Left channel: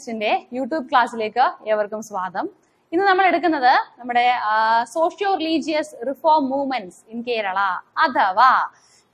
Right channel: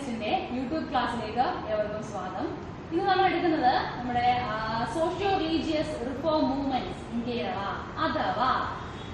ടെക്സ്റ്റിന്റെ യൂട്യൂബ് ക്ലാസ്സിലേക്ക് ഏവർക്കും സ്വാഗതം. ഇന്ന് നമ്മൾ എടുക്കുന്നത് നമ്മുടെ socio religious reform movements in Kerala അഥവാ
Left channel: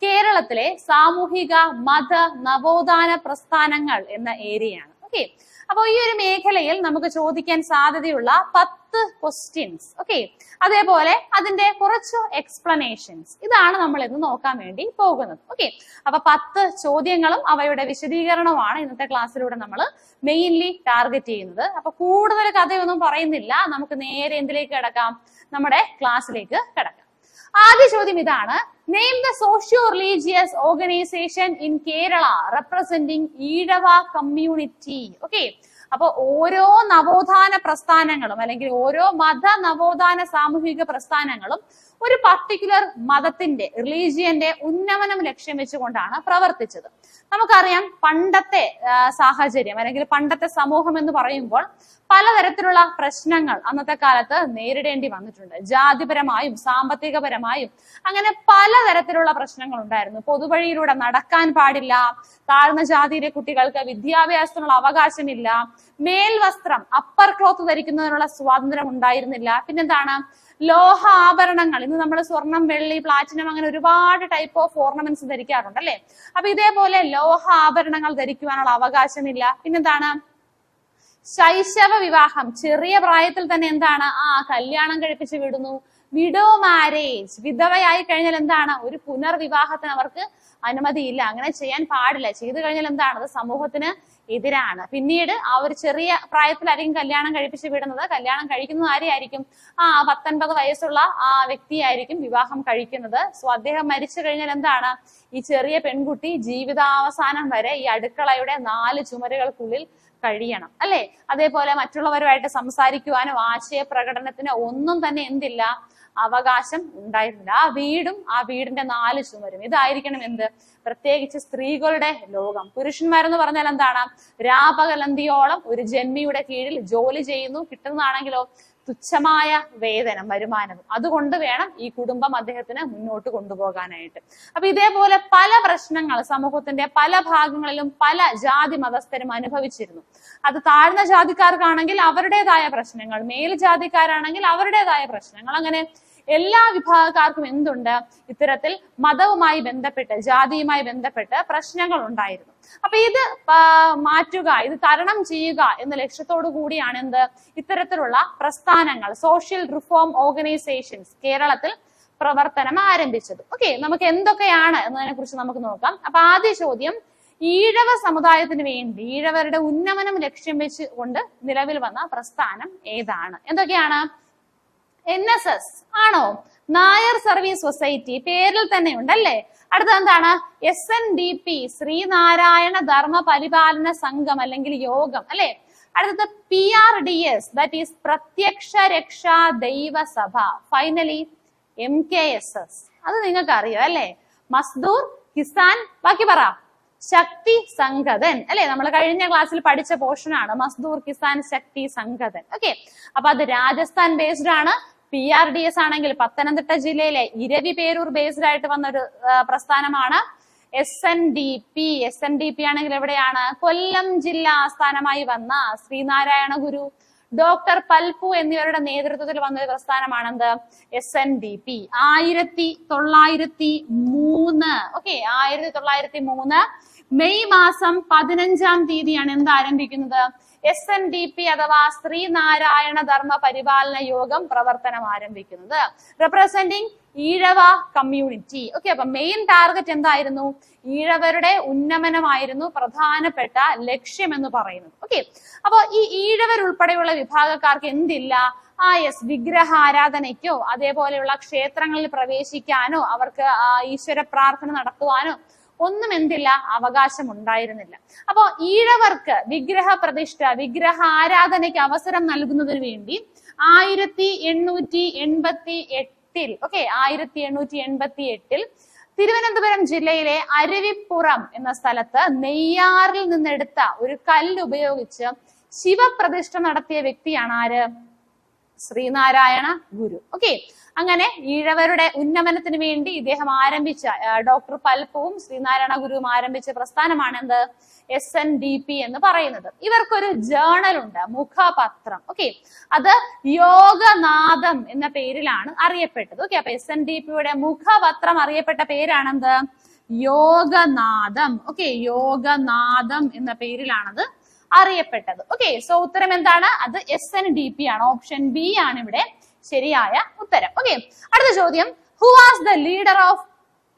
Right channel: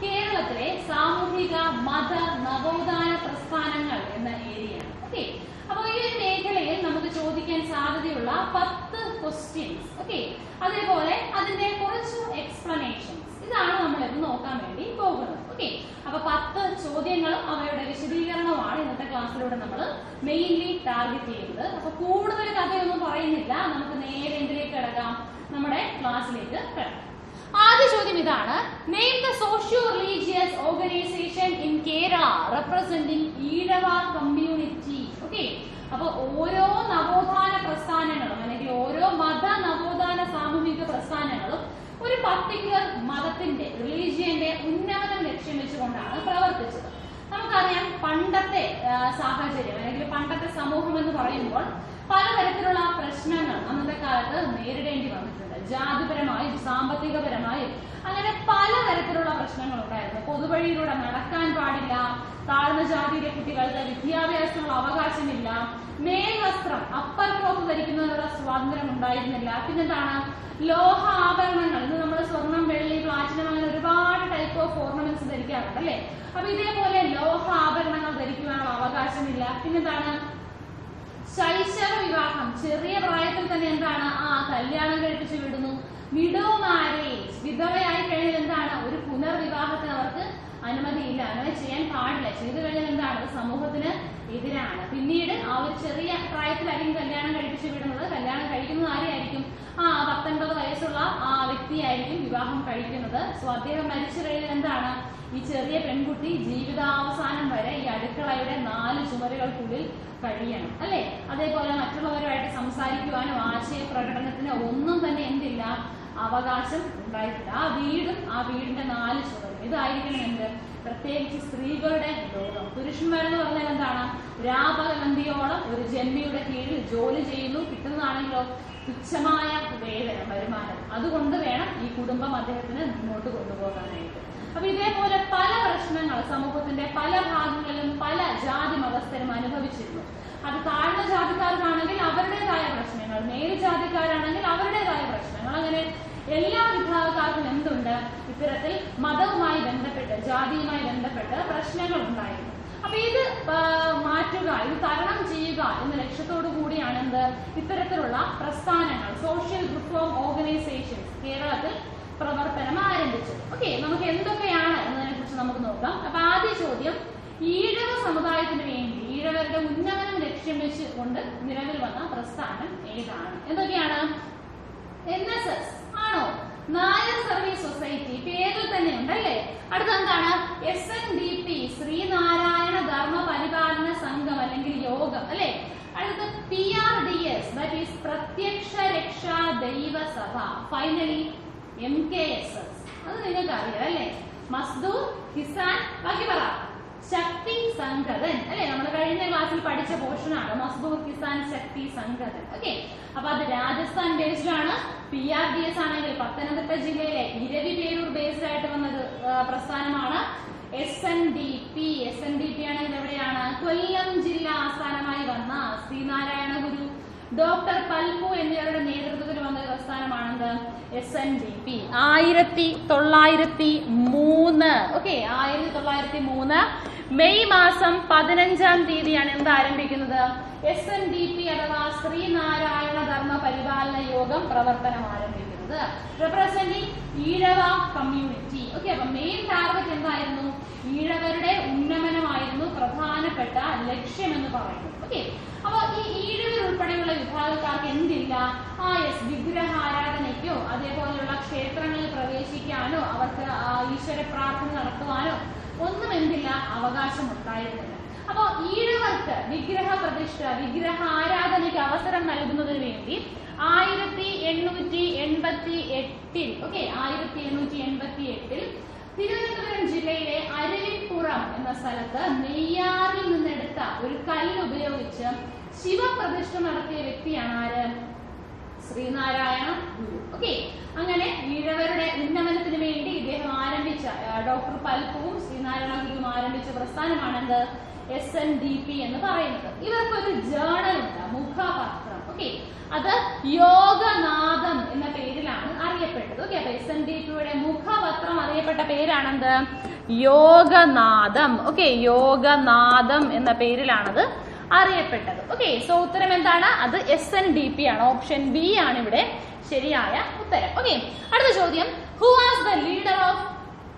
കേരളത്തിലെ സാമൂഹിക മത നവോത്ഥാന പ്രസ്ഥാനങ്ങൾ എന്ന ഏരിയയാണ്. ഓക്കെ, അപ്പോൾ ഈ ഒരു മേഖലയിൽ നമുക്ക് ചോദിക്കാൻ സാധ്യതയുള്ള 10 ക്വസ്റ്റ്യൻസ്, ഓക്കെ, അതേപോലെ അതിന്റെ കുറച്ച് എക്സ്പ്ലനേഷൻസ്, ഇതാണ് നമ്മൾ ഇന്ന് നോക്കാൻ വേണ്ടി പോകുന്നത്. ഓക്കെ, അപ്പൊ 10 ചോദ്യങ്ങളും അവയുടെ വിശദീകരണവുമാണ് ഇന്നത്തെ ക്ലാസ്സിലൂടെ നമ്മൾ മെയിൻലി ടാർഗറ്റ് ചെയ്യുന്നത്. അപ്പൊ കൂടുതൽ കഥയൊന്നും പറയുന്നില്ല, നമുക്ക് നേരെ എന്തിലേക്ക് കിടക്കാം, നമ്മുടെ ക്ലാസ്സിലേക്ക് കിടക്കാം. ആദ്യ ചോദ്യം ഇതാണ്: name the socio religious organisation in Kerala representing Ezhava community. Okay, അപ്പോൾ ഓരോ നവോത്ഥാന പ്രസ്ഥാനങ്ങളും അല്ലെങ്കിൽ ഓരോ മത നവോത്ഥാന സാമൂഹിക പ്രസ്ഥാനങ്ങളും ഒരു പർട്ടിക്കുലർ മതത്തിന്റെ റിലീജിയന്റെ ഉന്നമനം ലക്ഷ്യം വെച്ചുകൊണ്ടാണ് പ്രവർത്തിച്ചത്. നമുക്കറിയാം, പണ്ടത്തെ സാഹചര്യം അല്ലെങ്കിൽ പണ്ടത്തെ സമൂഹം എന്ന് പറയുമ്പോൾ പലതരത്തിലുള്ള പ്രശ്നങ്ങൾ അന്നത്തെ കാലത്ത് നേരിടേണ്ടി വന്നിട്ടുണ്ട്. ജാതിപരമായും സാമ്പത്തികപരമായും അങ്ങനെ പലതരത്തിലുള്ള പ്രശ്നങ്ങൾ ഉണ്ടായിരുന്നു. പൊതുവഴിയിലൂടെ നടക്കാൻ പാടില്ല, താഴ്ന്ന ജാതിയിലെ കുട്ടികൾക്ക് വിദ്യാഭ്യാസത്തിനുള്ള അവകാശമില്ല, മേൽവസ്ത്രം അപ്പർ ക്ലോത്ത് ധരിക്കുന്നതിനുള്ള സ്വാതന്ത്ര്യം ഉണ്ടായിരുന്നില്ല. പിന്നെന്താണ്, ലോഹ ആഭരണങ്ങൾ, ഇന്ന് നമ്മൾ സ്വർണം, വെള്ളി, പ്ലാറ്റിനം അങ്ങനെ ഒരുപാട് ടൈപ്പ് ഓഫ് ഓർണമെന്റ്സ് ധരിക്കാറുണ്ട് അല്ലേ. അപ്പൊ ഇതേപോലെ ലോഹ ആഭരണങ്ങൾ ധരിക്കുവാനുള്ള അവകാശമില്ല. പിന്നെന്താണ്, ശൈശവ വിവാഹം, ചെറിയ പ്രായത്തിൽ തന്നെ എന്താണ് കല്യാണം കഴിപ്പിച്ച് വിടുന്നു. വിഡോ മാരേജ്, വിധവയായി കഴിഞ്ഞാൽ എന്താണ്, ഒരു പുനർവിവാഹത്തിന് അവർക്ക് അനുമതിയില്ല, അങ്ങനെ ചെയ്യാൻ പാടില്ല. ചെയ്തു കഴിഞ്ഞാൽ എന്താണ്, അത് സമൂഹത്തിന് എതിരാണ്. പിന്നീട് ആ ഒരു ചെറിയ പ്രായത്തിലായിരിക്കും കല്യാണം കഴിപ്പിച്ച് വിടുന്നത്. കല്യാണം കഴിക്കുന്നത് ആരെയായിരിക്കും, 19 വയസ്സുള്ള ആ വ്യക്തിയായിരിക്കും വിവാഹം കഴിക്കുന്നത്. സോ അദ്ദേഹം മരിച്ചു കഴിഞ്ഞാൽ എന്താണ്, ഈ ചെറിയ പെൺകുട്ടി ജീവിതാവസാനം വരെ ഈ അടുക്കളയുടെ 4 ചുമരുകൾക്കുള്ളിൽ കഴിയണം അല്ലേ. അതേപോലെ മറ്റുള്ളവരുമായിട്ട് സംസാരിക്കുവാനോ ആശയപ്രകടനത്തിനോ ഒന്നും തന്നെ എന്തില്ല, അവകാശം ഉണ്ടായിട്ടില്ല. ആ വീടും ആ വീടിന്റെ 4 ചുവരും ഇതായിരിക്കണം എന്ത്, പ്രത്യേകിച്ച് സ്ത്രീകളുടെ ലോകം. പുരുഷന്മാരെന്ന് പറഞ്ഞാൽ എന്താണ്, രാപകലന്തിയോളം ഒരു ജന്മിയുടെ കീഴിൽ ജോലി ചെയ്യുന്നു, കിട്ടുന്നതാണെങ്കിലോ തുച്ഛമായ വേതനം, വരുമാനം. അതുകൊണ്ട് വേണം ഈ കുടുംബം അദ്ദേഹത്തിന് മുന്നോട്ട് കൊണ്ടുപോകാനായിട്ട്. അപ്പൊ ഇതേപോലെ പല പ്രശ്നങ്ങൾ സമൂഹത്തിന്റെ പല ഭാഗങ്ങളിലും പല ജാതി മതസ്ഥരും അനുഭവിച്ചിരുന്നു. അത് താഴ്ന്ന ജാതിക്കാർക്കാണെങ്കിൽ അവരുടേതായ പ്രശ്നങ്ങൾ, മേൽജാതിക്കാരാണെങ്കിൽ അവരുടേതായ പ്രശ്നങ്ങൾ, അങ്ങനെ എല്ലാ വിഭാഗക്കാർക്കും എന്തുണ്ട്, ഇത്തരത്തിൽ മതവുമായി ബന്ധപ്പെട്ട് ജാതിയുമായി ബന്ധപ്പെട്ട് പ്രശ്നങ്ങൾ ഉണ്ടായിരുന്നു. അപ്പൊ ഇത് മാറ്റുക, ഇത് തരണം ചെയ്യുക എന്ന ലക്ഷ്യത്തോടു കൂടിയാണ് എന്ത്, ഇത്തരത്തിലുള്ള പ്രസ്ഥാനങ്ങൾ, സോഷ്യൽ റിഫോം ഓർഗനൈസേഷൻസ് കേരളത്തിൽ പ്രവർത്തനം ആരംഭിച്ചത്. ഓക്കെ, നമുക്ക് എന്തൊക്കെയാണ് എന്നതിനെ കുറിച്ച് നമുക്ക് നോക്കാം. അപ്പൊ ആദ്യ ചോദ്യം: ഈഴവ സമുദായത്തിന് വേണ്ടി ഈഴവരുടെ ഉന്നമനം ലക്ഷ്യം വെച്ചുകൊണ്ട് നിലവിൽ വന്ന പ്രസ്ഥാനം ഏതാണ്? എന്തൊക്കെയാണ്? NSS ആണോ? നായർ സർവീസ് സൊസൈറ്റി, പേരിൽ തന്നെ ഉണ്ടല്ലേ. അടുത്തത് എന്താണ്? SNDP, ശ്രീനാരായണ ധർമ്മ പരിപാലന സംഘം അല്ലെങ്കിൽ യോഗം അല്ലെ. അടുത്തത് PRDS, ദാറ്റ് ഈസ് പ്രത്യക്ഷ രക്ഷാ ദൈവസഭ. ഫൈനലി MKSS, അത് നിങ്ങൾക്ക് അറിയാം അല്ലേ. മസ്ദൂർ കിസാൻ, ബാക്കി പറ, ശക്തി സംഘതൻ അല്ലെ. നമ്മൾ കഴിഞ്ഞ ക്ലാസ്സിൽ പഠിച്ച പോർഷനാണ് മസ്ദൂർ കിസാൻ ശക്തി സംഘതൻ. ഓക്കെ, അപ്പൊ അത് രാജസ്ഥാൻ ബേസ്ഡ് ആണ്. PRDS ആണെങ്കിൽ പത്തനംതിട്ട ജില്ലയിലെ ഇരവിപേരൂർ ബേസ്ഡ് ആയിട്ട് വന്നൊരു പ്രസ്ഥാനമാണ്. SNDP ആണെങ്കിൽ എവിടെയാണ്, കൊല്ലം ജില്ലാ ആസ്ഥാനമായി വന്ന ശ്രീനാരായണ ഗുരു, ഡോക്ടർ പൽപു എന്നിവരുടെ നേതൃത്വത്തിൽ വന്ന ഒരു പ്രസ്ഥാനമാണെന്ത്, SNDP. 1903 ഓക്കെ, 1903 മെയ് മാസം 15-ാം തീയതിയാണ് എന്ത് ആരംഭിക്കുന്നത്, SNDP അഥവാ ശ്രീനാരായണ ധർമ്മ പരിപാലന യോഗം പ്രവർത്തനം ആരംഭിക്കുന്നത്. Representing Ezhava community. ഓക്കെ, അപ്പൊ മെയിൻ ടാർഗറ്റ് എന്തായിരുന്നു, ഈഴവരുടെ ഉന്നമനമായിരുന്നു പ്രധാനപ്പെട്ട ലക്ഷ്യം എന്ന് പറയുന്നത്. ഓക്കെ, അപ്പോൾ ഈ ഈഴവരുൾപ്പെടെയുള്ള വിഭാഗക്കാർക്ക് എന്തില്ല, വിഗ്രഹാരാധനയ്ക്കോ അതേപോലെയുള്ള ക്ഷേത്രങ്ങളിൽ പ്രവേശിക്കാനോ അവർക്ക് ഈശ്വര പ്രാർത്ഥന നടത്തുവാനോ ഒന്നും എന്തില്ല, അവകാശം ഉണ്ടായിരുന്നില്ല. അപ്പോൾ ഈഴവർക്ക് വിഗ്രഹ പ്രതിഷ്ഠ, വിഗ്രഹ ആരാധനയ്ക്ക് അവസരം നൽകുന്നതിന് വേണ്ടി 1888 ഓക്കെ, 1888 തിരുവനന്തപുരം ജില്ലയിലെ അരുവിപ്പുറം എന്ന സ്ഥലത്ത് നെയ്യാറിൽ നിന്നെടുത്ത ഒരു കല്ലുപയോഗിച്ച് ശിവപ്രതിഷ്ഠ നടത്തിയ വ്യക്തിയാണ് ആര്, ശ്രീനാരായണ ഗുരു. ഓക്കെ, അങ്ങനെ ഈഴവരുടെ ഉന്നമനത്തിന് വേണ്ടി ഇദ്ദേഹം ആരംഭിച്ച, ഡോക്ടർ പൽപുവും ശ്രീനാരായണ ഗുരുവും ആരംഭിച്ച പ്രസ്ഥാനമാണെന്ത്, SNDP എന്ന് പറയുന്നത്. ഇവർക്കൊരു ജേണൽ ഉണ്ട്, മുഖപത്രം. ഓക്കെ, അത് യോഗനാഥം എന്ന പേരിലാണ് അറിയപ്പെട്ടത്. ഓക്കെ, അപ്പൊ SNDPയുടെ മുഖപത്രം അറിയപ്പെട്ട പേരാണെന്ത്? യോഗനാഥം. ഓക്കെ, യോഗനാഥം എന്ന പേരിലാണത് അറിയപ്പെട്ടത്. ഓക്കെ, സോ ഉത്തരം എന്താണ്? അത് SNDP ആണ്. ഓപ്ഷൻ ബി ആണ് ഇവിടെ ശരിയായ ഉത്തരം. ഓക്കെ, അടുത്ത ചോദ്യം, who was the leader of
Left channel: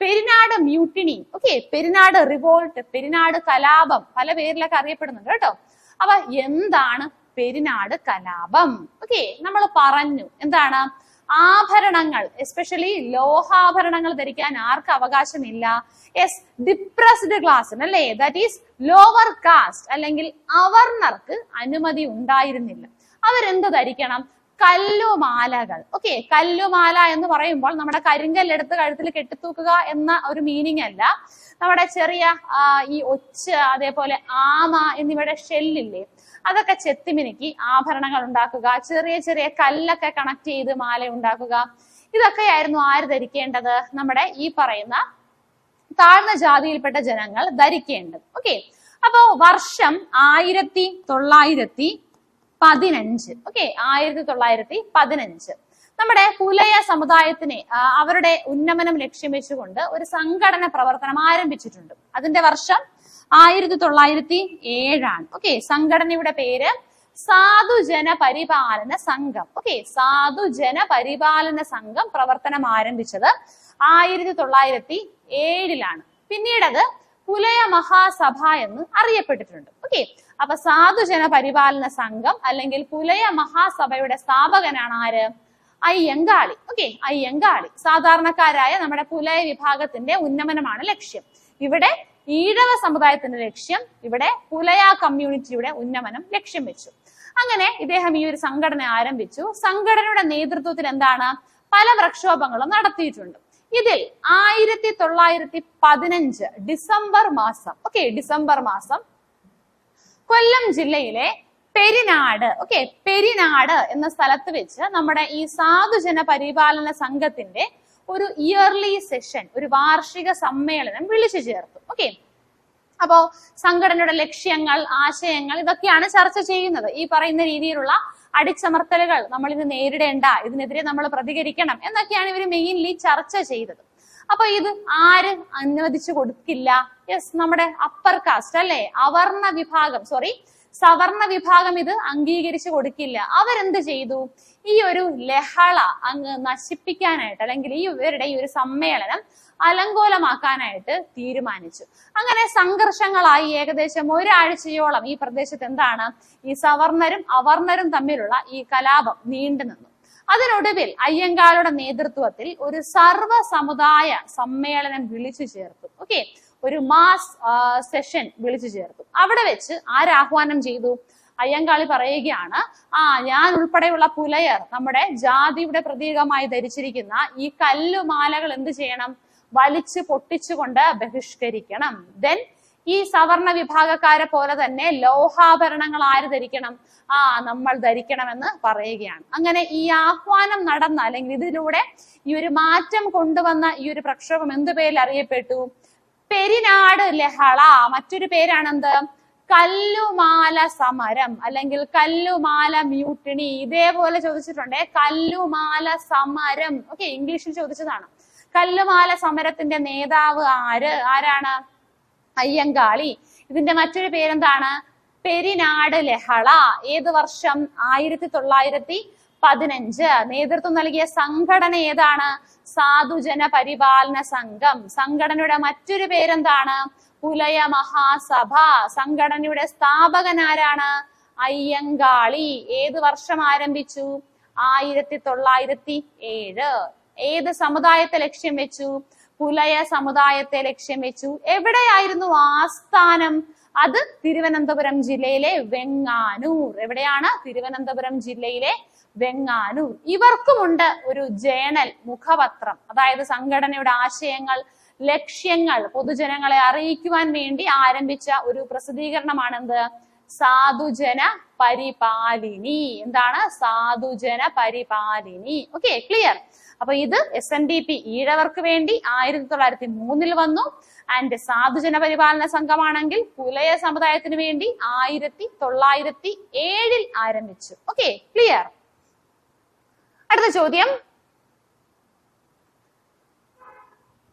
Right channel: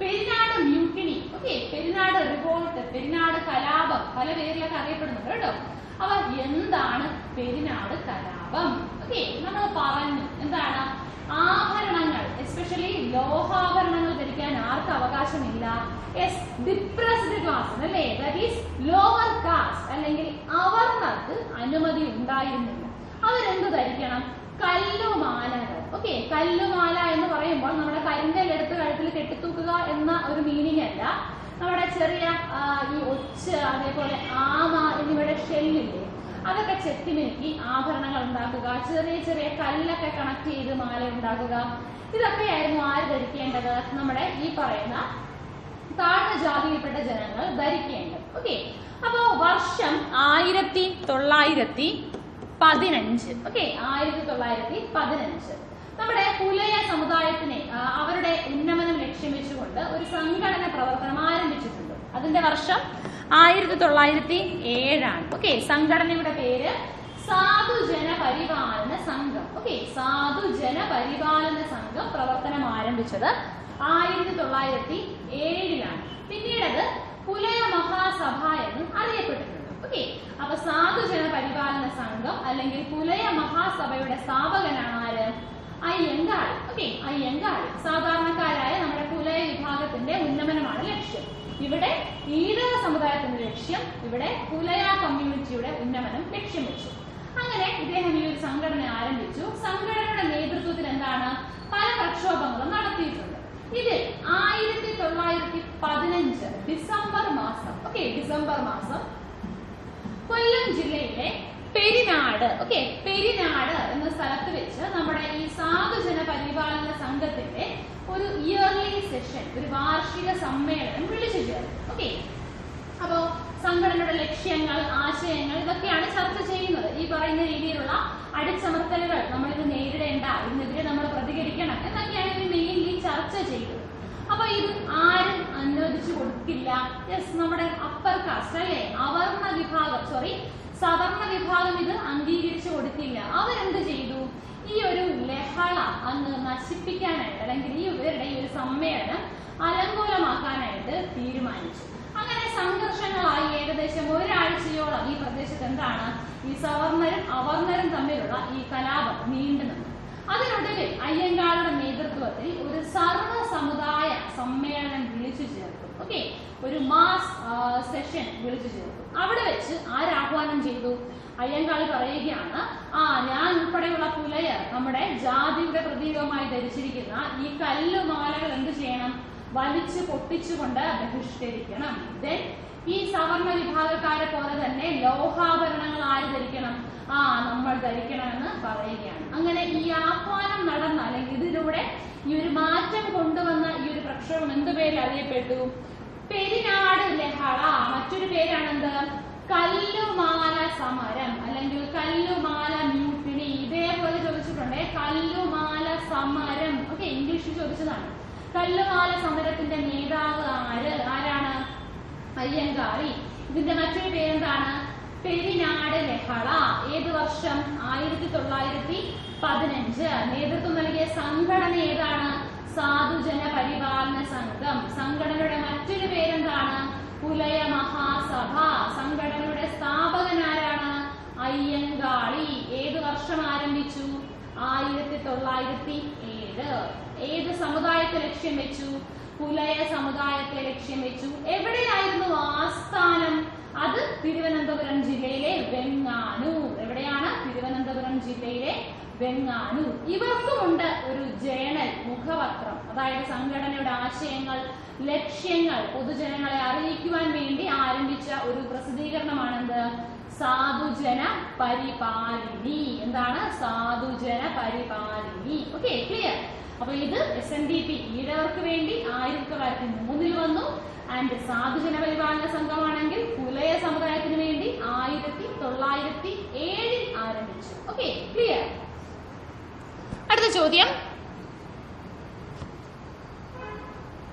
Perinad mutiny? Okay, Perinad revolt, Perinad കലാപം, പല പേരിലൊക്കെ അറിയപ്പെടുന്നുണ്ട് കേട്ടോ. അപ്പൊ എന്താണ് പെരിനാട് കലാപം? ഓക്കെ, നമ്മൾ പറഞ്ഞു എന്താണ്? ആഭരണങ്ങൾ, എസ്പെഷ്യലി ലോഹാഭരണങ്ങൾ ധരിക്കാൻ ആർക്ക് അവകാശമില്ല? യെസ്, ഡിപ്രസ്ഡ് ക്ലാസ്സിന് അല്ലേ, ദാറ്റ് ഈസ് ലോവർ കാസ്റ്റ് അല്ലെങ്കിൽ അവർണർക്ക് അനുമതി ഉണ്ടായിരുന്നില്ല. അവരെന്ത് ധരിക്കണം? കല്ലുമാലകൾ. ഓക്കെ, കല്ലുമാല എന്ന് പറയുമ്പോൾ നമ്മുടെ കരിങ്കല്ലെടുത്ത് കഴുത്തിൽ കെട്ടിത്തൂക്കുക എന്ന ഒരു മീനിങ് അല്ല. നമ്മുടെ ചെറിയ ഈ ഒച്ച്, അതേപോലെ ആമ എന്നിവയുടെ ഷെല്ലില്ലേ, അതൊക്കെ ചെത്തിമിനുക്കി ആഭരണങ്ങൾ ഉണ്ടാക്കുക, ചെറിയ ചെറിയ കല്ലൊക്കെ കണക്ട് ചെയ്ത് മാല ഉണ്ടാക്കുക. ഇതൊക്കെയായിരുന്നു ആര് ധരിക്കേണ്ടത്? നമ്മുടെ ഈ പറയുന്ന താഴ്ന്ന ജാതിയിൽപ്പെട്ട ജനങ്ങൾ ധരിക്കേണ്ടത്. ഓക്കെ, അപ്പോ വർഷം 1915. ഓക്കെ, 1915 നമ്മുടെ പുലയ സമുദായത്തിനെ അവരുടെ ഉന്നമനം ലക്ഷ്യം വെച്ചുകൊണ്ട് ഒരു സംഘടന പ്രവർത്തനം ആരംഭിച്ചിട്ടുണ്ട്. അതിന്റെ വർഷം 1907 ആണ്. ഓക്കെ, സംഘടനയുടെ പേര് സാധുജന പരിപാലന സംഘം. ഓക്കെ, സാധുജന പരിപാലന സംഘം പ്രവർത്തനം ആരംഭിച്ചത് 1907 പിന്നീട് അത് പുലയ മഹാസഭ എന്ന് അറിയപ്പെട്ടിട്ടുണ്ട്. ഓക്കെ, അപ്പൊ സാധുജന പരിപാലന സംഘം അല്ലെങ്കിൽ പുലയ മഹാസഭയുടെ സ്ഥാപകനാണ് ആര്? അയ്യങ്കാളി. ഓക്കെ, അയ്യങ്കാളി. സാധാരണക്കാരായ നമ്മുടെ പുലയ വിഭാഗത്തിന്റെ ഉന്നമനമാണ് ലക്ഷ്യം. ഇവിടെ ഈഴവ സമുദായത്തിന്റെ ലക്ഷ്യം, ഇവിടെ പുലയ കമ്മ്യൂണിറ്റിയുടെ ഉന്നമനം ലക്ഷ്യം വെച്ചു. അങ്ങനെ ഇദ്ദേഹം ഈ ഒരു സംഘടന ആരംഭിച്ചു. സംഘടനയുടെ നേതൃത്വത്തിൽ എന്താണ്? പല പ്രക്ഷോഭങ്ങളും നടത്തിയിട്ടുണ്ട്. ഇതിൽ 1915 ഡിസംബർ മാസം, ഓക്കെ, ഡിസംബർ മാസം കൊല്ലം ജില്ലയിലെ പെരിനാട്, ഓക്കെ, പെരിനാട് എന്ന സ്ഥലത്ത് വെച്ച് നമ്മുടെ ഈ സാധുജന പരിപാലന സംഘത്തിന്റെ ഒരു ഇയർലി സെഷൻ, ഒരു വാർഷിക സമ്മേളനം വിളിച്ചു ചേർന്നു. ഓക്കെ, അപ്പോൾ സംഘടനയുടെ ലക്ഷ്യങ്ങൾ, ആശയങ്ങൾ ഇതൊക്കെയാണ് ചർച്ച ചെയ്യുന്നത്. ഈ പറയുന്ന രീതിയിലുള്ള അടിച്ചമർത്തലുകൾ നമ്മൾ ഇത് നേരിടേണ്ട, ഇതിനെതിരെ നമ്മൾ പ്രതികരിക്കണം എന്നൊക്കെയാണ് ഇവർ മെയിൻലി ചർച്ച ചെയ്തത്. അപ്പൊ ഇത് ആരും അനുവദിച്ചു കൊടുക്കില്ല. യെസ്, നമ്മുടെ അപ്പർ കാസ്റ്റ് അല്ലെ, അവർണ വിഭാഗം, സവർണ വിഭാഗം ഇത് അംഗീകരിച്ചു കൊടുക്കില്ല. അവരെന്ത് ചെയ്തു? ഈ ഒരു ലഹള അങ്ങ് നശിപ്പിക്കാനായിട്ട് അല്ലെങ്കിൽ ഇവരുടെ ഈ ഒരു സമ്മേളനം അലങ്കോലമാക്കാനായിട്ട് തീരുമാനിച്ചു. അങ്ങനെ സംഘർഷങ്ങളായി ഏകദേശം ഒരാഴ്ചയോളം ഈ പ്രദേശത്ത് എന്താണ്, ഈ സവർണരും അവർണരും തമ്മിലുള്ള ഈ കലാപം നീണ്ടു നിന്നു. അതിനൊടുവിൽ അയ്യങ്കാളുടെ നേതൃത്വത്തിൽ ഒരു സർവ്വ സമുദായ സമ്മേളനം വിളിച്ചു ചേർത്തു. ഓക്കെ, ഒരു മാസ് സെഷൻ വിളിച്ചു ചേർത്തു. അവിടെ വെച്ച് ആരാഹ്വാനം ചെയ്തു? അയ്യങ്കാളി പറയുകയാണ്, ഞാൻ ഉൾപ്പെടെയുള്ള പുലയർ നമ്മുടെ ജാതിയുടെ പ്രതീകമായി ധരിച്ചിരിക്കുന്ന ഈ കല്ലുമാലകൾ എന്ത് ചെയ്യണം? വലിച്ചു പൊട്ടിച്ചുകൊണ്ട് ബഹിഷ്കരിക്കണം. ദെൻ ഈ സവർണ വിഭാഗക്കാരെ പോലെ തന്നെ ലോഹാഭരണങ്ങൾ ആര് ധരിക്കണം? നമ്മൾ ധരിക്കണമെന്ന് പറയുകയാണ്. അങ്ങനെ ഈ ആഹ്വാനം നടന്ന അല്ലെങ്കിൽ ഇതിലൂടെ ഈ ഒരു മാറ്റം കൊണ്ടുവന്ന ഈ ഒരു പ്രക്ഷോഭം എന്ത് പേരിൽ അറിയപ്പെട്ടു? പെരിനാട് ലഹള. മറ്റൊരു പേരാണെന്ത്? കല്ലുമാല സമരം അല്ലെങ്കിൽ കല്ലുമാല മ്യൂട്ടിനി. ഇതേപോലെ ചോദിച്ചിട്ടുണ്ട്, കല്ലുമാല സമരം. ഓക്കെ, ഇംഗ്ലീഷിൽ ചോദിച്ചതാണ്. കല്ലുമാല സമരത്തിന്റെ നേതാവ് ആരാണ്? അയ്യങ്കാളി. ഇതിന്റെ മറ്റൊരു പേരെന്താണ്? പെരിനാട് ലഹള. ഏത് വർഷം? 1915. നേതൃത്വം നൽകിയ സംഘടന ഏതാണ്? സാധുജന പരിപാലന സംഘം. സംഘടനയുടെ മറ്റൊരു പേരെന്താണ്? പുലയ മഹാസഭ. സംഘടനയുടെ സ്ഥാപകൻ ആരാണ്? അയ്യങ്കാളി. ഏത് വർഷം ആരംഭിച്ചു? 1907. ഏത് സമുദായത്തെ ലക്ഷ്യം വെച്ചു? പുലയ സമുദായത്തെ ലക്ഷ്യം വെച്ചു. എവിടെയായിരുന്നു ആസ്ഥാനം? അത് തിരുവനന്തപുരം ജില്ലയിലെ വെങ്ങാനൂർ. എവിടെയാണ്? തിരുവനന്തപുരം ജില്ലയിലെ വെങ്ങാനൂർ. ഇവർക്കുമുണ്ട് ഒരു ജേണൽ, മുഖപത്രം. അതായത് സംഘടനയുടെ ആശയങ്ങൾ, ലക്ഷ്യങ്ങൾ പൊതുജനങ്ങളെ അറിയിക്കുവാൻ വേണ്ടി ആരംഭിച്ച ഒരു പ്രസിദ്ധീകരണമാണെന്ത്? സാധുജന പരിപാലിനി. എന്താണ്? സാധുജന പരിപാലിനി. Okay, clear. അപ്പൊ ഇത് SNDP ഈഴവർക്ക് വേണ്ടി 1903 വന്നു. ആൻഡ് സാധുജന പരിപാലന സംഘമാണെങ്കിൽ പുലയ സമുദായത്തിന് വേണ്ടി 1907 ആരംഭിച്ചു. Okay, clear? അടുത്ത ചോദ്യം,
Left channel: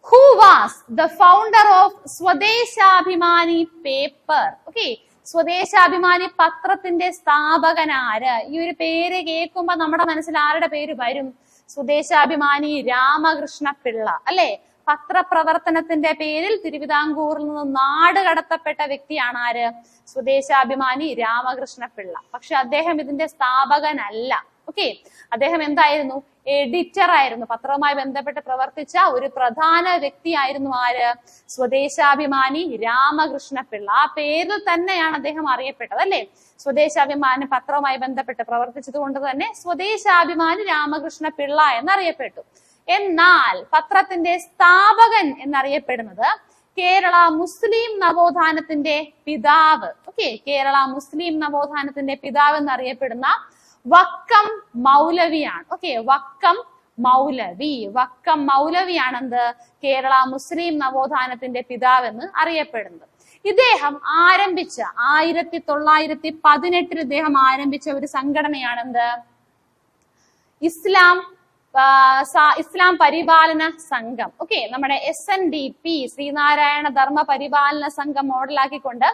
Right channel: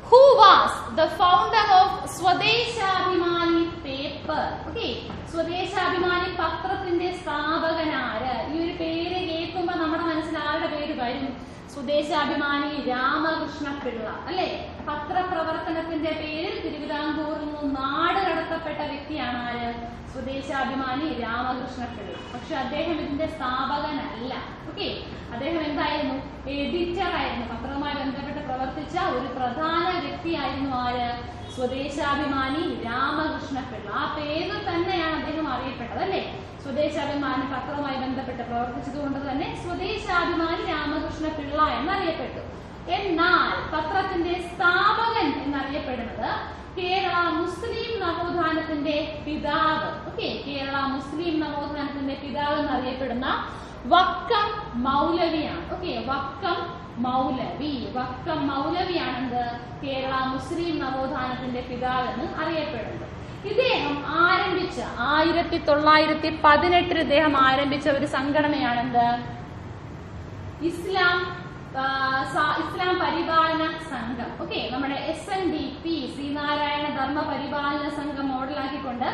who was the founder of Swadeshabhimani paper? Okay, Swadeshabhimani പത്രത്തിന്റെ സ്ഥാപകനാര്? ഈ ഒരു പേര് കേൾക്കുമ്പോ നമ്മുടെ മനസ്സിൽ ആരുടെ പേര് വരും? സ്വദേശാഭിമാനി രാമകൃഷ്ണ പിള്ള അല്ലെ? പത്രപ്രവർത്തനത്തിന്റെ പേരിൽ തിരുവിതാംകൂറിൽ നിന്ന് നാട് കടത്തപ്പെട്ട വ്യക്തിയാണ് ആര്? സ്വദേശാഭിമാനി രാമകൃഷ്ണ പിള്ള. പക്ഷെ അദ്ദേഹം ഇതിന്റെ സ്ഥാപകനല്ല. ഓക്കെ, അദ്ദേഹം എന്തായിരുന്നു? എഡിറ്റർ ആയിരുന്നു. പത്രവുമായി ബന്ധപ്പെട്ട് പ്രവർത്തിച്ച ഒരു പ്രധാന വ്യക്തിയായിരുന്നു ആര്? സ്വദേശാഭിമാനി രാമകൃഷ്ണ പിള്ള. ആ പേരിൽ തന്നെയാണ് അദ്ദേഹം അറിയപ്പെട്ടത് അല്ലെ? സ്വദേശാഭിമാനി പത്രവുമായി ബന്ധപ്പെട്ട് പ്രവർത്തിച്ചത് കൊണ്ട് തന്നെ സ്വദേശാഭിമാനി രാമകൃഷ്ണ പിള്ള എന്നറിയപ്പെട്ടു. എന്നാൽ പത്രത്തിന്റെ സ്ഥാപകൻ എന്നറിയപ്പെടുന്നത് കേരള മുസ്ലിം നവോത്ഥാനത്തിന്റെ പിതാവ്. ഓക്കെ, കേരള മുസ്ലിം നവോത്ഥാനത്തിന്റെ പിതാവ് എന്നറിയപ്പെടുന്ന വക്കം മൗലവിയാണ്. ഓക്കെ, വക്കം മൗലവിയാണെന്ത്? കേരള മുസ്ലിം നവോത്ഥാനത്തിന്റെ പിതാവ് എന്ന് അറിയപ്പെടുന്നത്. ഇദ്ദേഹം ആരംഭിച്ച 1918 ഇദ്ദേഹം ആരംഭിച്ച ഒരു സംഘടനയാണെന്ത്? ഇസ്ലാം പരിപാലന സംഘം. ഓക്കെ, നമ്മുടെ SNDP ശ്രീനാരായണ ധർമ്മ പരിപാലന സംഘം മോഡലാക്കിക്കൊണ്ട്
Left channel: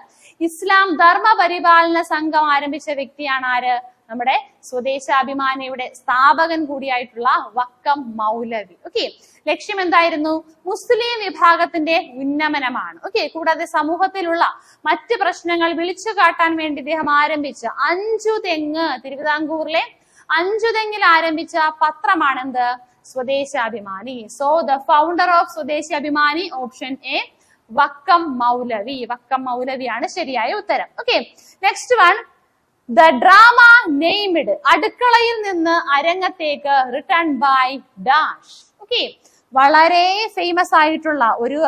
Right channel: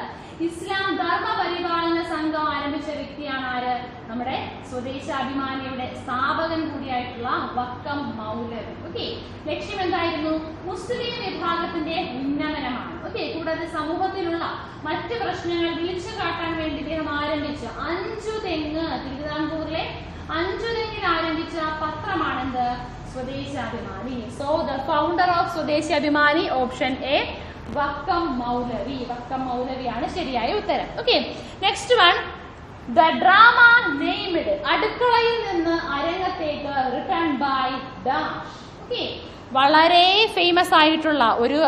ഇസ്ലാം ധർമ്മ പരിപാലന സംഘം ആരംഭിച്ച വ്യക്തിയാണ് ആര്? നമ്മുടെ സ്വദേശാഭിമാനിയുടെ സ്ഥാപകൻ കൂടിയായിട്ടുള്ള വക്കം മൗലവി. ഓക്കെ, ലക്ഷ്യം എന്തായിരുന്നു? മുസ്ലിം വിഭാഗത്തിന്റെ ഉന്നമനമാണ്. ഓക്കെ, കൂടാതെ സമൂഹത്തിലുള്ള മറ്റ് പ്രശ്നങ്ങൾ വിളിച്ചു കാട്ടാൻ വേണ്ടി ഇദ്ദേഹം ആരംഭിച്ച 5 തെങ്ങ്, തിരുവിതാംകൂറിലെ 5 തെങ്ങിൽ ആരംഭിച്ച പത്രമാണെന്ത്? Swadeshabhimani. So the founder of Swadeshabhimani option a Vakkom മൗലവിയാണ് ശരിയായ ഉത്തരം. Okay, next one, the drama named അടുക്കളയിൽ നിന്ന് അരങ്ങത്തേക്ക് റിട്ടേൺ ബൈ ഡാഷ്. ഓക്കെ, വളരെ ഫേമസ് ആയിട്ടുള്ള ഒരു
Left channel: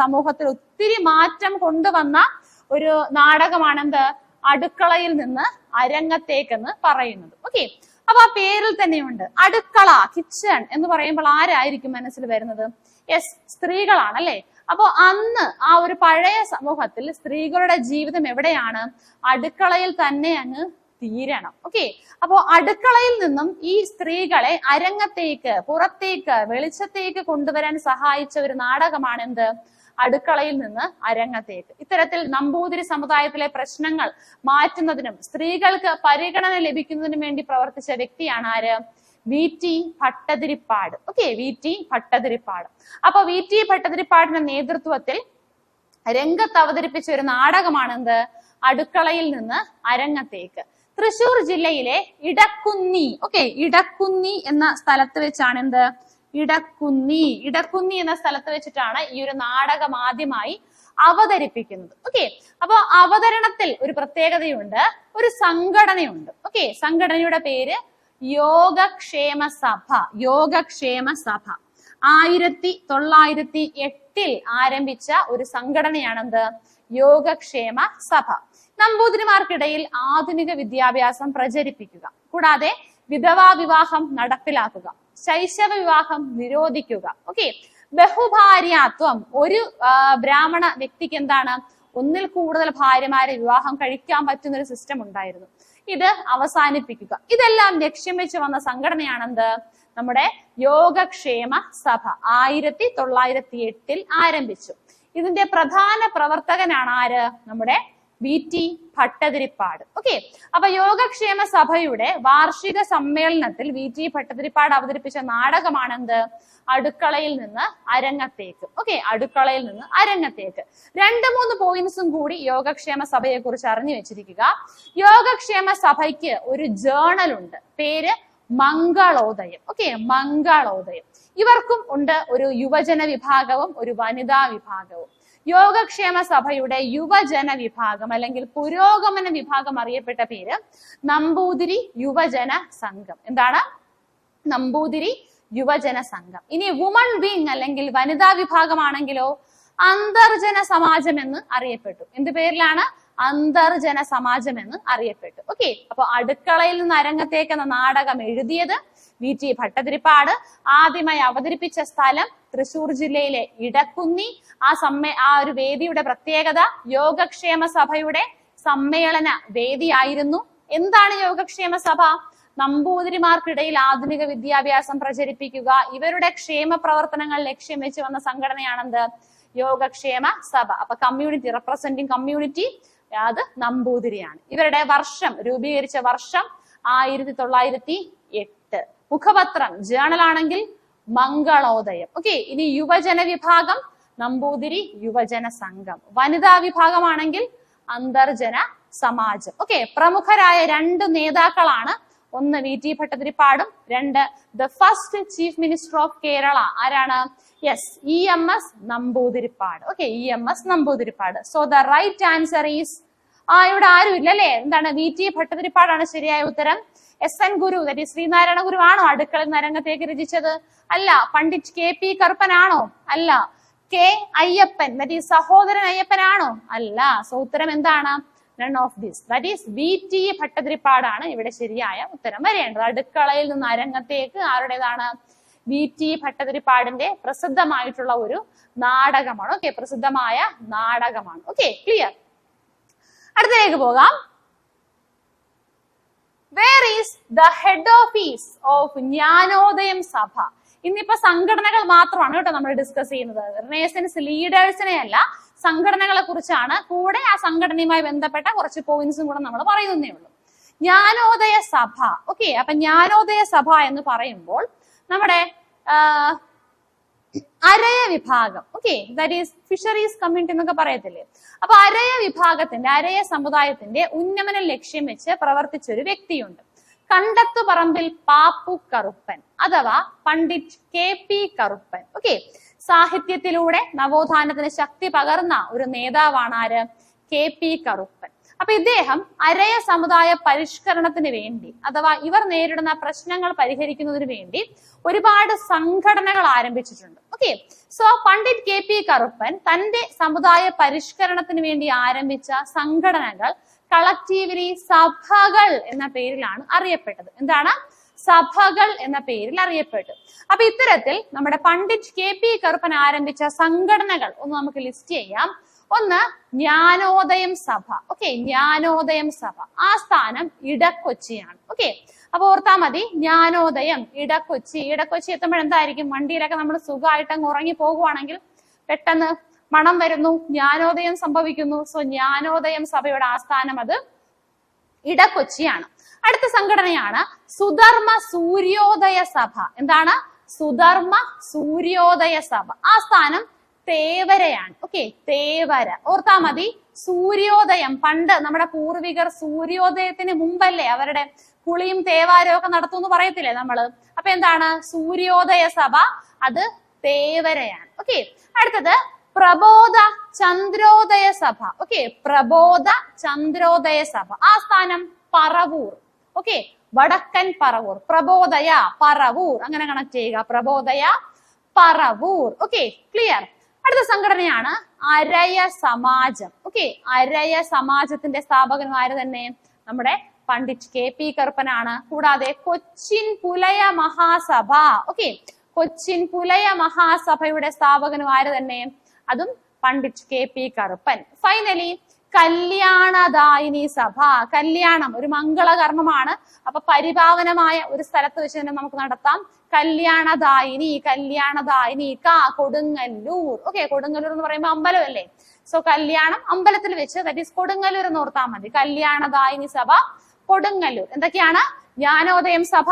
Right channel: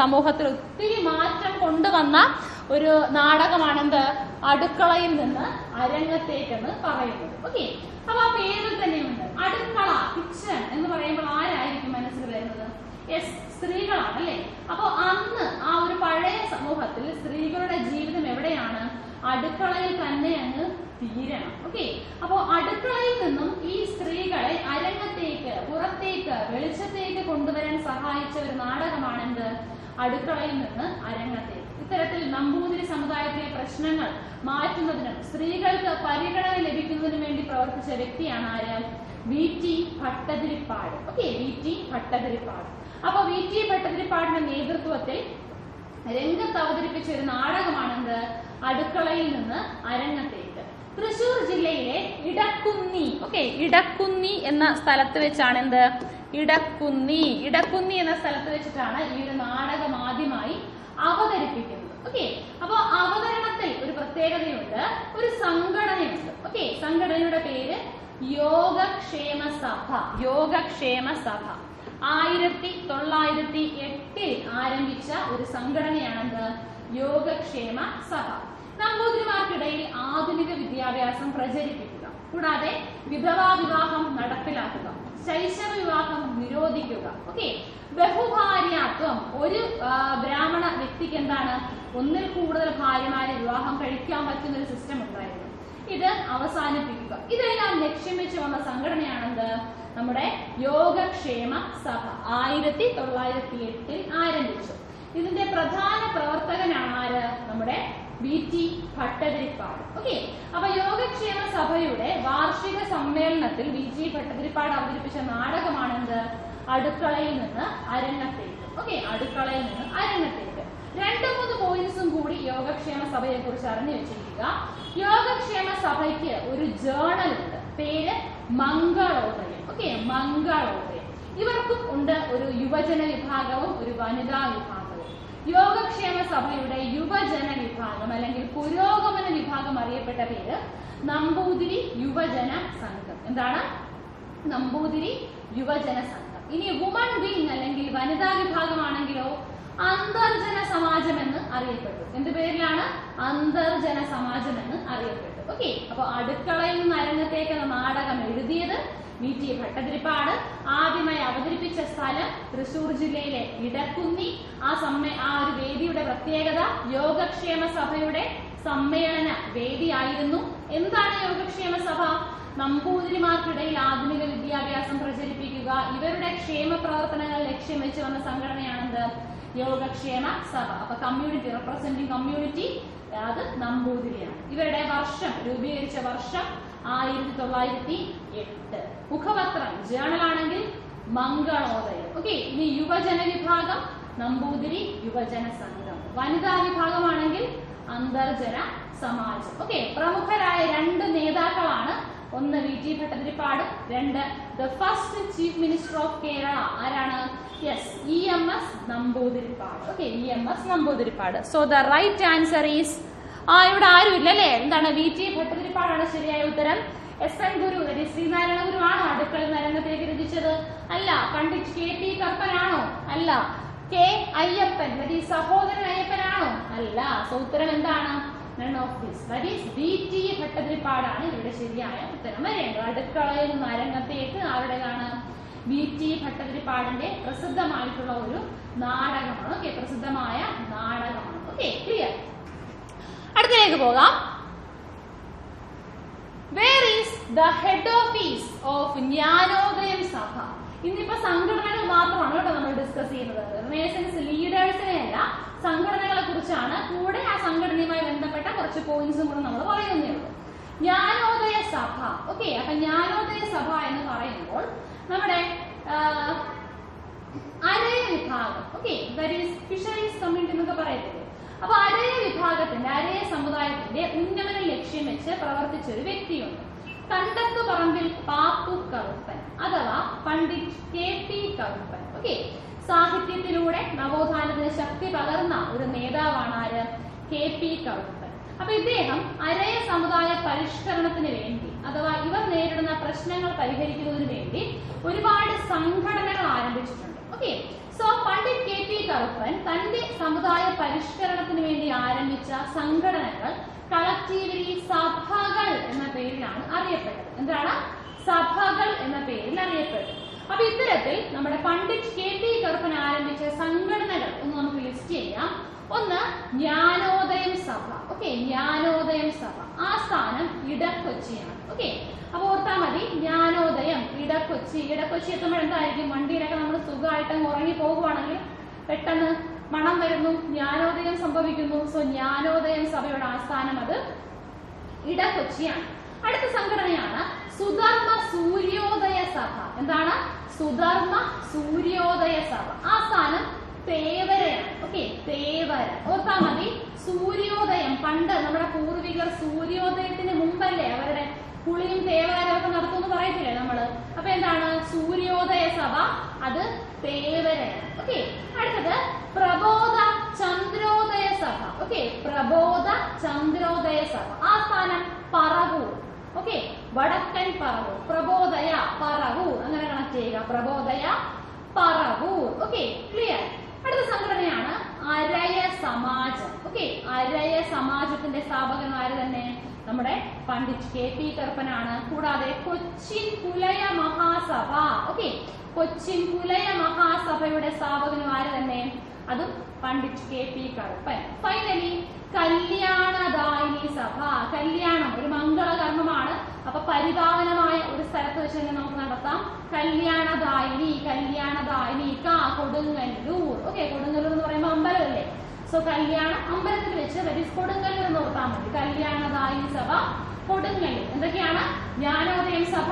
സമൂഹത്തിൽ ഒത്തിരി മാറ്റം കൊണ്ടുവന്ന ഒരു നാടകമാണെന്ത്? അടുക്കളയിൽ നിന്ന് അരങ്ങത്തേക്കെന്ന് പറയുന്നത്. ഓക്കെ, അപ്പൊ ആ പേരിൽ തന്നെയുണ്ട് അടുക്കള, കിച്ചൺ എന്ന് പറയുമ്പോൾ ആരായിരിക്കും മനസ്സിൽ വരുന്നത്? യെസ്, സ്ത്രീകളാണ് അല്ലെ? അപ്പോൾ അന്ന് ആ ഒരു പഴയ സമൂഹത്തിൽ സ്ത്രീകളുടെ ജീവിതം എവിടെയാണ്? അടുക്കളയിൽ തന്നെ അങ്ങ് തീരണം. ഓക്കെ, അപ്പോൾ അടുക്കളയിൽ നിന്നും ഈ സ്ത്രീകളെ അരങ്ങത്തേക്ക്, പുറത്തേക്ക്, വെളിച്ചത്തേക്ക് കൊണ്ടുവരാൻ സഹായിച്ച ഒരു നാടകമാണ് എന്ത്? അടുക്കളയിൽ നിന്ന് അരങ്ങത്തേക്ക്. ഇത്തരത്തിൽ നമ്പൂതിരി സമുദായത്തിലെ പ്രശ്നങ്ങൾ മാറ്റുന്നതിനും സ്ത്രീകൾക്ക് പരിഗണന ലഭിക്കുന്നതിനും വേണ്ടി പ്രവർത്തിച്ച വ്യക്തിയാണ് ആര്? VT Bhattathiripad. Okay, VT Bhattathiripad. അപ്പൊ VT ഭട്ടതിരിപ്പാടിന്റെ നേതൃത്വത്തിൽ രംഗത്ത് അവതരിപ്പിച്ച ഒരു നാടകമാണെന്ത്? അടുക്കളയിൽ നിന്ന് അരങ്ങത്തേക്ക്. തൃശൂർ ജില്ലയിലെ ഇടക്കുന്നി. ഓക്കെ, ഇടക്കുന്നി എന്ന സ്ഥലത്ത് വെച്ചാണ് എന്ത്? ഇടക്കുന്നി എന്ന സ്ഥലത്ത് വെച്ചിട്ടാണ് ഈ ഒരു നാടകം ആദ്യമായി അവതരിപ്പിക്കുന്നത്. ഓക്കെ, അപ്പൊ അവതരണത്തിൽ ഒരു പ്രത്യേകതയുണ്ട്, ഒരു സംഘടനയുണ്ട്. ഓക്കെ, സംഘടനയുടെ പേര് യോഗക്ഷേമ സഭ. 1908 ആരംഭിച്ച ഒരു സംഘടനയാണെന്ത്? യോഗക്ഷേമ സഭ. നമ്പൂതിരിമാർക്കിടയിൽ ആധുനിക വിദ്യാഭ്യാസം പ്രചരിപ്പിക്കുക, കൂടാതെ വിധവാ വിവാഹം നടപ്പിലാക്കുക, ശൈശവ വിവാഹം നിരോധിക്കുക. ഓക്കെ, ബഹുഭാര്യാത്വം. ഒരു ബ്രാഹ്മണ വ്യക്തിക്ക് എന്താണ്? ഒന്നിൽ കൂടുതൽ ഭാര്യമാരെ വിവാഹം കഴിക്കാൻ പറ്റുന്ന ഒരു സിസ്റ്റം ഉണ്ടായിരുന്നു. ഇത് അവസാനിപ്പിക്കുക. ഇതെല്ലാം ലക്ഷ്യം വെച്ച് വന്ന സംഘടനയാണെന്ത്? നമ്മുടെ യോഗക്ഷേമ സഭ 1908 ആരംഭിച്ചു. ഇതിന്റെ പ്രധാന പ്രവർത്തകനാണ് ആര്? നമ്മുടെ VT ഭട്ടതിരിപ്പാട്. ഓക്കെ, അപ്പൊ യോഗക്ഷേമ സഭയുടെ വാർഷിക സമ്മേളനത്തിൽ VT ഭട്ടതിരിപ്പാട് അവതരിപ്പിച്ച നാടകമാണെന്ത്? അടുക്കളയിൽ നിന്ന് അരങ്ങത്തേക്ക്. ഓക്കെ, അടുക്കളയിൽ നിന്ന് അരങ്ങത്തേക്ക്. 2-3 പോയിന്റ്സും കൂടി യോഗക്ഷേമ സഭയെ കുറിച്ച് അറിഞ്ഞു വെച്ചിരിക്കുക. യോഗക്ഷേമ സഭയ്ക്ക് ഒരു ജേണൽ ഉണ്ട്, പേര് മംഗളോദയം. ഓക്കെ, മംഗളോദയം. ഇവർക്കും ഉണ്ട് ഒരു യുവജന വിഭാഗവും ഒരു വനിതാ വിഭാഗവും. യോഗക്ഷേമ സഭയുടെ യുവജന വിഭാഗം അല്ലെങ്കിൽ പുരോഗമന വിഭാഗം അറിയപ്പെട്ട പേര് നമ്പൂതിരി യുവജന സംഘം. എന്താണ്? നമ്പൂതിരി യുവജന സംഘം. ഇനി വുമൺ വിങ് അല്ലെങ്കിൽ വനിതാ വിഭാഗമാണെങ്കിലോ അന്തർജന സമാജം എന്ന് അറിയപ്പെട്ടു. എന്ത് പേരിലാണ്? അന്തർജന സമാജം എന്ന് അറിയപ്പെട്ടു. ഓക്കെ, അപ്പൊ അടുക്കളയിൽ നിന്ന് അരങ്ങത്തേക്ക് എന്ന നാടകം എഴുതിയത് VT ഭട്ടതിരിപ്പാട്. ആദ്യമായി അവതരിപ്പിച്ച സ്ഥലം തൃശ്ശൂർ ജില്ലയിലെ ഇടക്കുന്നി. ആ ഒരു വേദിയുടെ പ്രത്യേകത യോഗക്ഷേമ സഭയുടെ സമ്മേളന വേദിയായിരുന്നു. എന്താണ് യോഗക്ഷേമ സഭ? നമ്പൂതിരിമാർക്കിടയിൽ ആധുനിക വിദ്യാഭ്യാസം പ്രചരിപ്പിക്കുക, ഇവരുടെ ക്ഷേമ പ്രവർത്തനങ്ങൾ ലക്ഷ്യം വെച്ച് വന്ന സംഘടനയാണെന്ത്? യോഗക്ഷേമ സഭ. അപ്പൊ കമ്മ്യൂണിറ്റി, റെപ്രസെന്റിങ് കമ്മ്യൂണിറ്റി, അത് നമ്പൂതിരിയാണ്. ഇവരുടെ വർഷം, രൂപീകരിച്ച വർഷം 1908. മുഖപത്രം ജേണൽ ആണെങ്കിൽ മംഗളോദയം. ഓക്കെ, ഇനി യുവജന വിഭാഗം നമ്പൂതിരി യുവജന സംഘം. വനിതാ വിഭാഗമാണെങ്കിൽ അന്തർജന സമാജം. ഓക്കെ, പ്രമുഖരായ 2 നേതാക്കളാണ്. ഒന്ന് VT ഭട്ടതിരിപ്പാടും, 2 the first chief minister of Kerala. ആരാണ്? Yes, EMS Namboodiripad. Okay, EMS Namboodiripad. So the right answer is, ഇവിടെ ആരും ഇല്ല അല്ലേ? എന്താണ്? VT ഭട്ടതിരിപ്പാടാണ് ശരിയായ ഉത്തരം. SN ഗുരു, ശ്രീനാരായണ ഗുരു ആണോ അടുക്കളയിൽ നരങ്ങത്തേക്ക് രചിച്ചത്? അല്ല. പണ്ഡിറ്റ് KP കറുപ്പനാണോ? അല്ല. K അയ്യപ്പൻ, സഹോദരൻ അയ്യപ്പനാണോ? അല്ല. സോ ഉത്തരം എന്താണ്? None of this. That is VT ഭട്ടതിരിപ്പാടാണ് ഇവിടെ ശരിയായ ഉത്തരം വരേണ്ടത്. അടുക്കളയിൽ നിന്ന് അരങ്ങത്തേക്ക് ആരുടേതാണ്? VT ഭട്ടതിരിപ്പാടിന്റെ പ്രസിദ്ധമായിട്ടുള്ള ഒരു നാടകമാണ്. ഓക്കെ, പ്രസിദ്ധമായ നാടകമാണ്. Okay, clear. അടുത്തതിലേക്ക് പോകാം. Where is the head office of Jnanodayam സഭ? ഇന്നിപ്പോ സംഘടനകൾ മാത്രമാണ് കേട്ടോ നമ്മൾ ഡിസ്കസ് ചെയ്യുന്നത്. റിനേസൻസ് ലീഡേഴ്സിനെ അല്ല, സംഘടനകളെ കുറിച്ചാണ്. കൂടെ ആ സംഘടനയുമായി ബന്ധപ്പെട്ട കുറച്ച് പോയിന്റ്സും കൂടെ നമ്മൾ പറയുന്നേ ഉള്ളൂ. ജ്ഞാനോദയ സഭ. ഓക്കെ, അപ്പൊ ജ്ഞാനോദയ സഭ എന്ന് പറയുമ്പോൾ നമ്മുടെ അരയ വിഭാഗം, okay, that is fisheries community എന്നൊക്കെ പറയത്തില്ലേ. അപ്പൊ അരയ വിഭാഗത്തിന്റെ, അരയ സമുദായത്തിന്റെ ഉന്നമനം ലക്ഷ്യം വെച്ച് പ്രവർത്തിച്ച ഒരു വ്യക്തിയുണ്ട്. കണ്ടത്തുപറമ്പിൽ പാപ്പു കറുപ്പൻ അഥവാ പണ്ഡിറ്റ് KP കറുപ്പൻ. ഓക്കെ, സാഹിത്യത്തിലൂടെ നവോത്ഥാനത്തിന് ശക്തി പകർന്ന ഒരു നേതാവാണ് ആര്? KP കറുപ്പൻ. അപ്പൊ ഇദ്ദേഹം അരയ സമുദായ പരിഷ്കരണത്തിന് വേണ്ടി, അഥവാ ഇവർ നേരിടുന്ന പ്രശ്നങ്ങൾ പരിഹരിക്കുന്നതിന് വേണ്ടി ഒരുപാട് സംഘടനകൾ ആരംഭിച്ചിട്ടുണ്ട്. Okay, so Pandit KP Karuppan തന്റെ സമുദായ പരിഷ്കരണത്തിന് വേണ്ടി ആരംഭിച്ച സംഘടനകൾ കളക്റ്റീവ്ലി സഭകൾ എന്ന പേരിലാണ് അറിയപ്പെട്ടത്. എന്താണ്? സഭകൾ എന്ന പേരിൽ അറിയപ്പെട്ടു. അപ്പൊ ഇത്തരത്തിൽ നമ്മുടെ പണ്ഡിറ്റ് KP കറുപ്പൻ ആരംഭിച്ച സംഘടനകൾ ഒന്ന് നമുക്ക് ലിസ്റ്റ് ചെയ്യാം. ഒന്ന് ജ്ഞാനോദയം സഭ. ഓക്കെ, ജ്ഞാനോദയം സഭ ആസ്ഥാനം ഇടക്കൊച്ചിയാണ്. ഓക്കെ, അപ്പൊ ഓർത്താ മതി, ജ്ഞാനോദയം ഇടക്കൊച്ചി. ഇടക്കൊച്ചി എത്തുമ്പോൾ എന്തായിരിക്കും? വണ്ടിയിലൊക്കെ നമ്മൾ സുഖമായിട്ട് അങ്ങ് ഉറങ്ങി പോകുവാണെങ്കിൽ പെട്ടെന്ന് മണം വരുന്നു, ജ്ഞാനോദയം സംഭവിക്കുന്നു. സോ ജ്ഞാനോദയം സഭയുടെ ആസ്ഥാനം അത് ഇടക്കൊച്ചിയാണ്. അടുത്ത സംഘടനയാണ് സുധർമ്മ സൂര്യോദയ സഭ. എന്താണ്? സുധർമ്മ സൂര്യോദയ സഭ ആസ്ഥാനം തേവരയാണ്. ഓക്കെ, തേവര. ഓർത്താ മതി, സൂര്യോദയം പണ്ട് നമ്മുടെ പൂർവികർ സൂര്യോദയത്തിന് മുമ്പല്ലേ അവരുടെ കുളിയും തേവാരവും ഒക്കെ നടത്തുമെന്ന് പറയത്തില്ലേ നമ്മള്? അപ്പൊ എന്താണ്? സൂര്യോദയ സഭ, അത് തേവരയാണ്. ഓക്കെ, അടുത്തത് പ്രബോധ ചന്ദ്രോദയ സഭ. ഓക്കെ, പ്രബോധ ചന്ദ്രോദയ സഭ ആസ്ഥാനം പറവൂർ. ഓക്കെ, വടക്കൻ പറവൂർ. പ്രബോധയ പറവൂർ, അങ്ങനെ കണക്ട് ചെയ്യുക. പ്രബോധയ പറവൂർ. Okay, clear. അടുത്ത സംഘടനയാണ് അരയ സമാജം. ഓക്കെ, അരയ സമാജത്തിന്റെ സ്ഥാപകനും ആര് തന്നെ? നമ്മുടെ പണ്ഡിറ്റ് KP കറുപ്പനാണ്. കൂടാതെ കൊച്ചിൻ പുലയ മഹാസഭ. ഓക്കെ, കൊച്ചിൻ പുലയ മഹാസഭയുടെ സ്ഥാപകനും ആര് തന്നെ? അതും പണ്ഡിറ്റ് KP കറുപ്പൻ. ഫൈനലി കല്യാണദായിനി സഭ. കല്യാണം ഒരു മംഗളകർമ്മമാണ്. അപ്പൊ പരിപാവനമായ ഒരു സ്ഥലത്ത് വെച്ച് തന്നെ നമുക്ക് നടത്താം. കല്യാണദായിനി, കല്യാണദായിനി കൊടുങ്ങല്ലൂർ. ഓക്കെ, കൊടുങ്ങല്ലൂർ എന്ന് പറയുമ്പോൾ അമ്പലമല്ലേ? സോ കല്യാണം അമ്പലത്തിൽ വെച്ച്, ദാറ്റ് ഈസ് കൊടുങ്ങല്ലൂർ എന്ന് ഓർത്താൽ മതി. കല്യാണദായിനി സഭ കൊടുങ്ങല്ലൂർ. എന്തൊക്കെയാണ്? ജ്ഞാനോദയം സഭ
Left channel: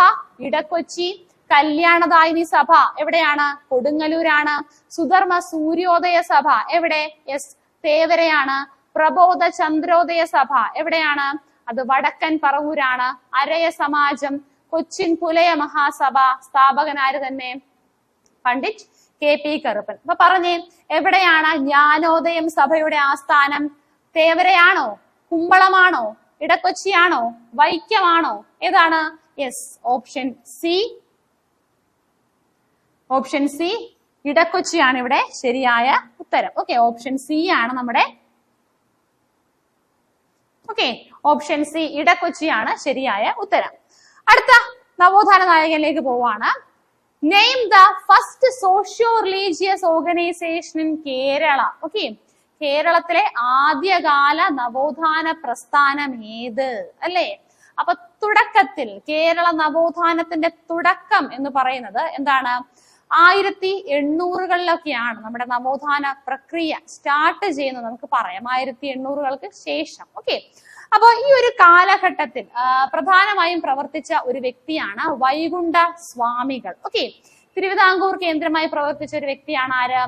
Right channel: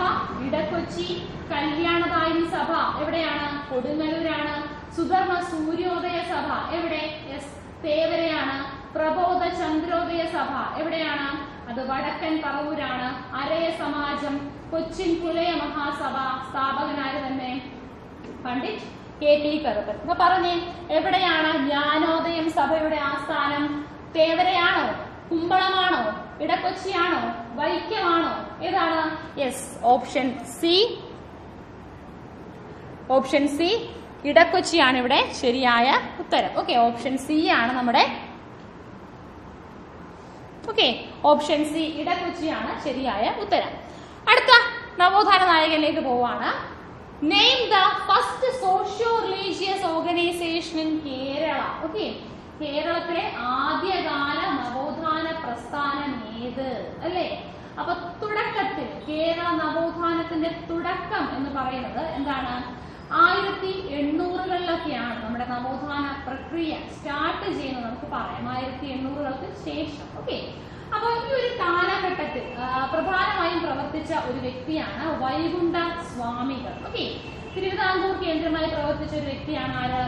ഇടക്കൊച്ചി, കല്യാണദായിനി സഭ എവിടെയാണ്? കൊടുങ്ങല്ലൂരാണ്. സുധർമ്മ സൂര്യോദയ സഭ എവിടെ? യെസ്, തേവരയാണ്. പ്രബോധ ചന്ദ്രോദയ സഭ എവിടെയാണ്? അത് വടക്കൻ പറവൂരാണ്. അരയ സമാജം, കൊച്ചിൻ പുലയ മഹാസഭ സ്ഥാപകനാര് തന്നെ? പണ്ഡിറ്റ് KP കറുപ്പൻ. അപ്പൊ പറഞ്ഞേ, എവിടെയാണ് ജ്ഞാനോദയം സഭയുടെ ആസ്ഥാനം? തേവരയാണോ? കുമ്പളമാണോ? ഇടക്കൊച്ചിയാണോ? വൈക്കമാണോ? ഏതാണ്? Yes, option c. Option c, ഇടക്കൊച്ചിയാണ് ഇവിടെ ശരിയായ ഉത്തരം. ഓക്കെ, ഓപ്ഷൻ സി ആണ് നമ്മുടെ. ഓക്കെ, ഓപ്ഷൻ സി ഇടക്കൊച്ചിയാണ് ശരിയായ ഉത്തരം. അടുത്ത നവോത്ഥാന നായകനിലേക്ക് പോവാണ്. Name the first socio religious organisation in Kerala. Okay, കേരളത്തിലെ ആദ്യകാല നവോത്ഥാന പ്രസ്ഥാനം ഏത് അല്ലേ? അപ്പൊ തുടക്കത്തിൽ കേരള നവോത്ഥാനത്തിന്റെ തുടക്കം എന്ന് പറയുന്നത് എന്താണ്? 1800-കളിലൊക്കെയാണ് നമ്മുടെ നവോത്ഥാന പ്രക്രിയ സ്റ്റാർട്ട് ചെയ്യുന്നത് നമുക്ക് പറയാം, 1800-കൾക്ക് ശേഷം. ഓക്കെ, അപ്പോൾ ഈ ഒരു കാലഘട്ടത്തിൽ പ്രധാനമായും പ്രവർത്തിച്ച ഒരു വ്യക്തിയാണ് വൈകുണ്ഠ സ്വാമികൾ. ഓക്കെ, തിരുവിതാംകൂർ കേന്ദ്രമായി പ്രവർത്തിച്ച ഒരു വ്യക്തിയാണ് ആര്?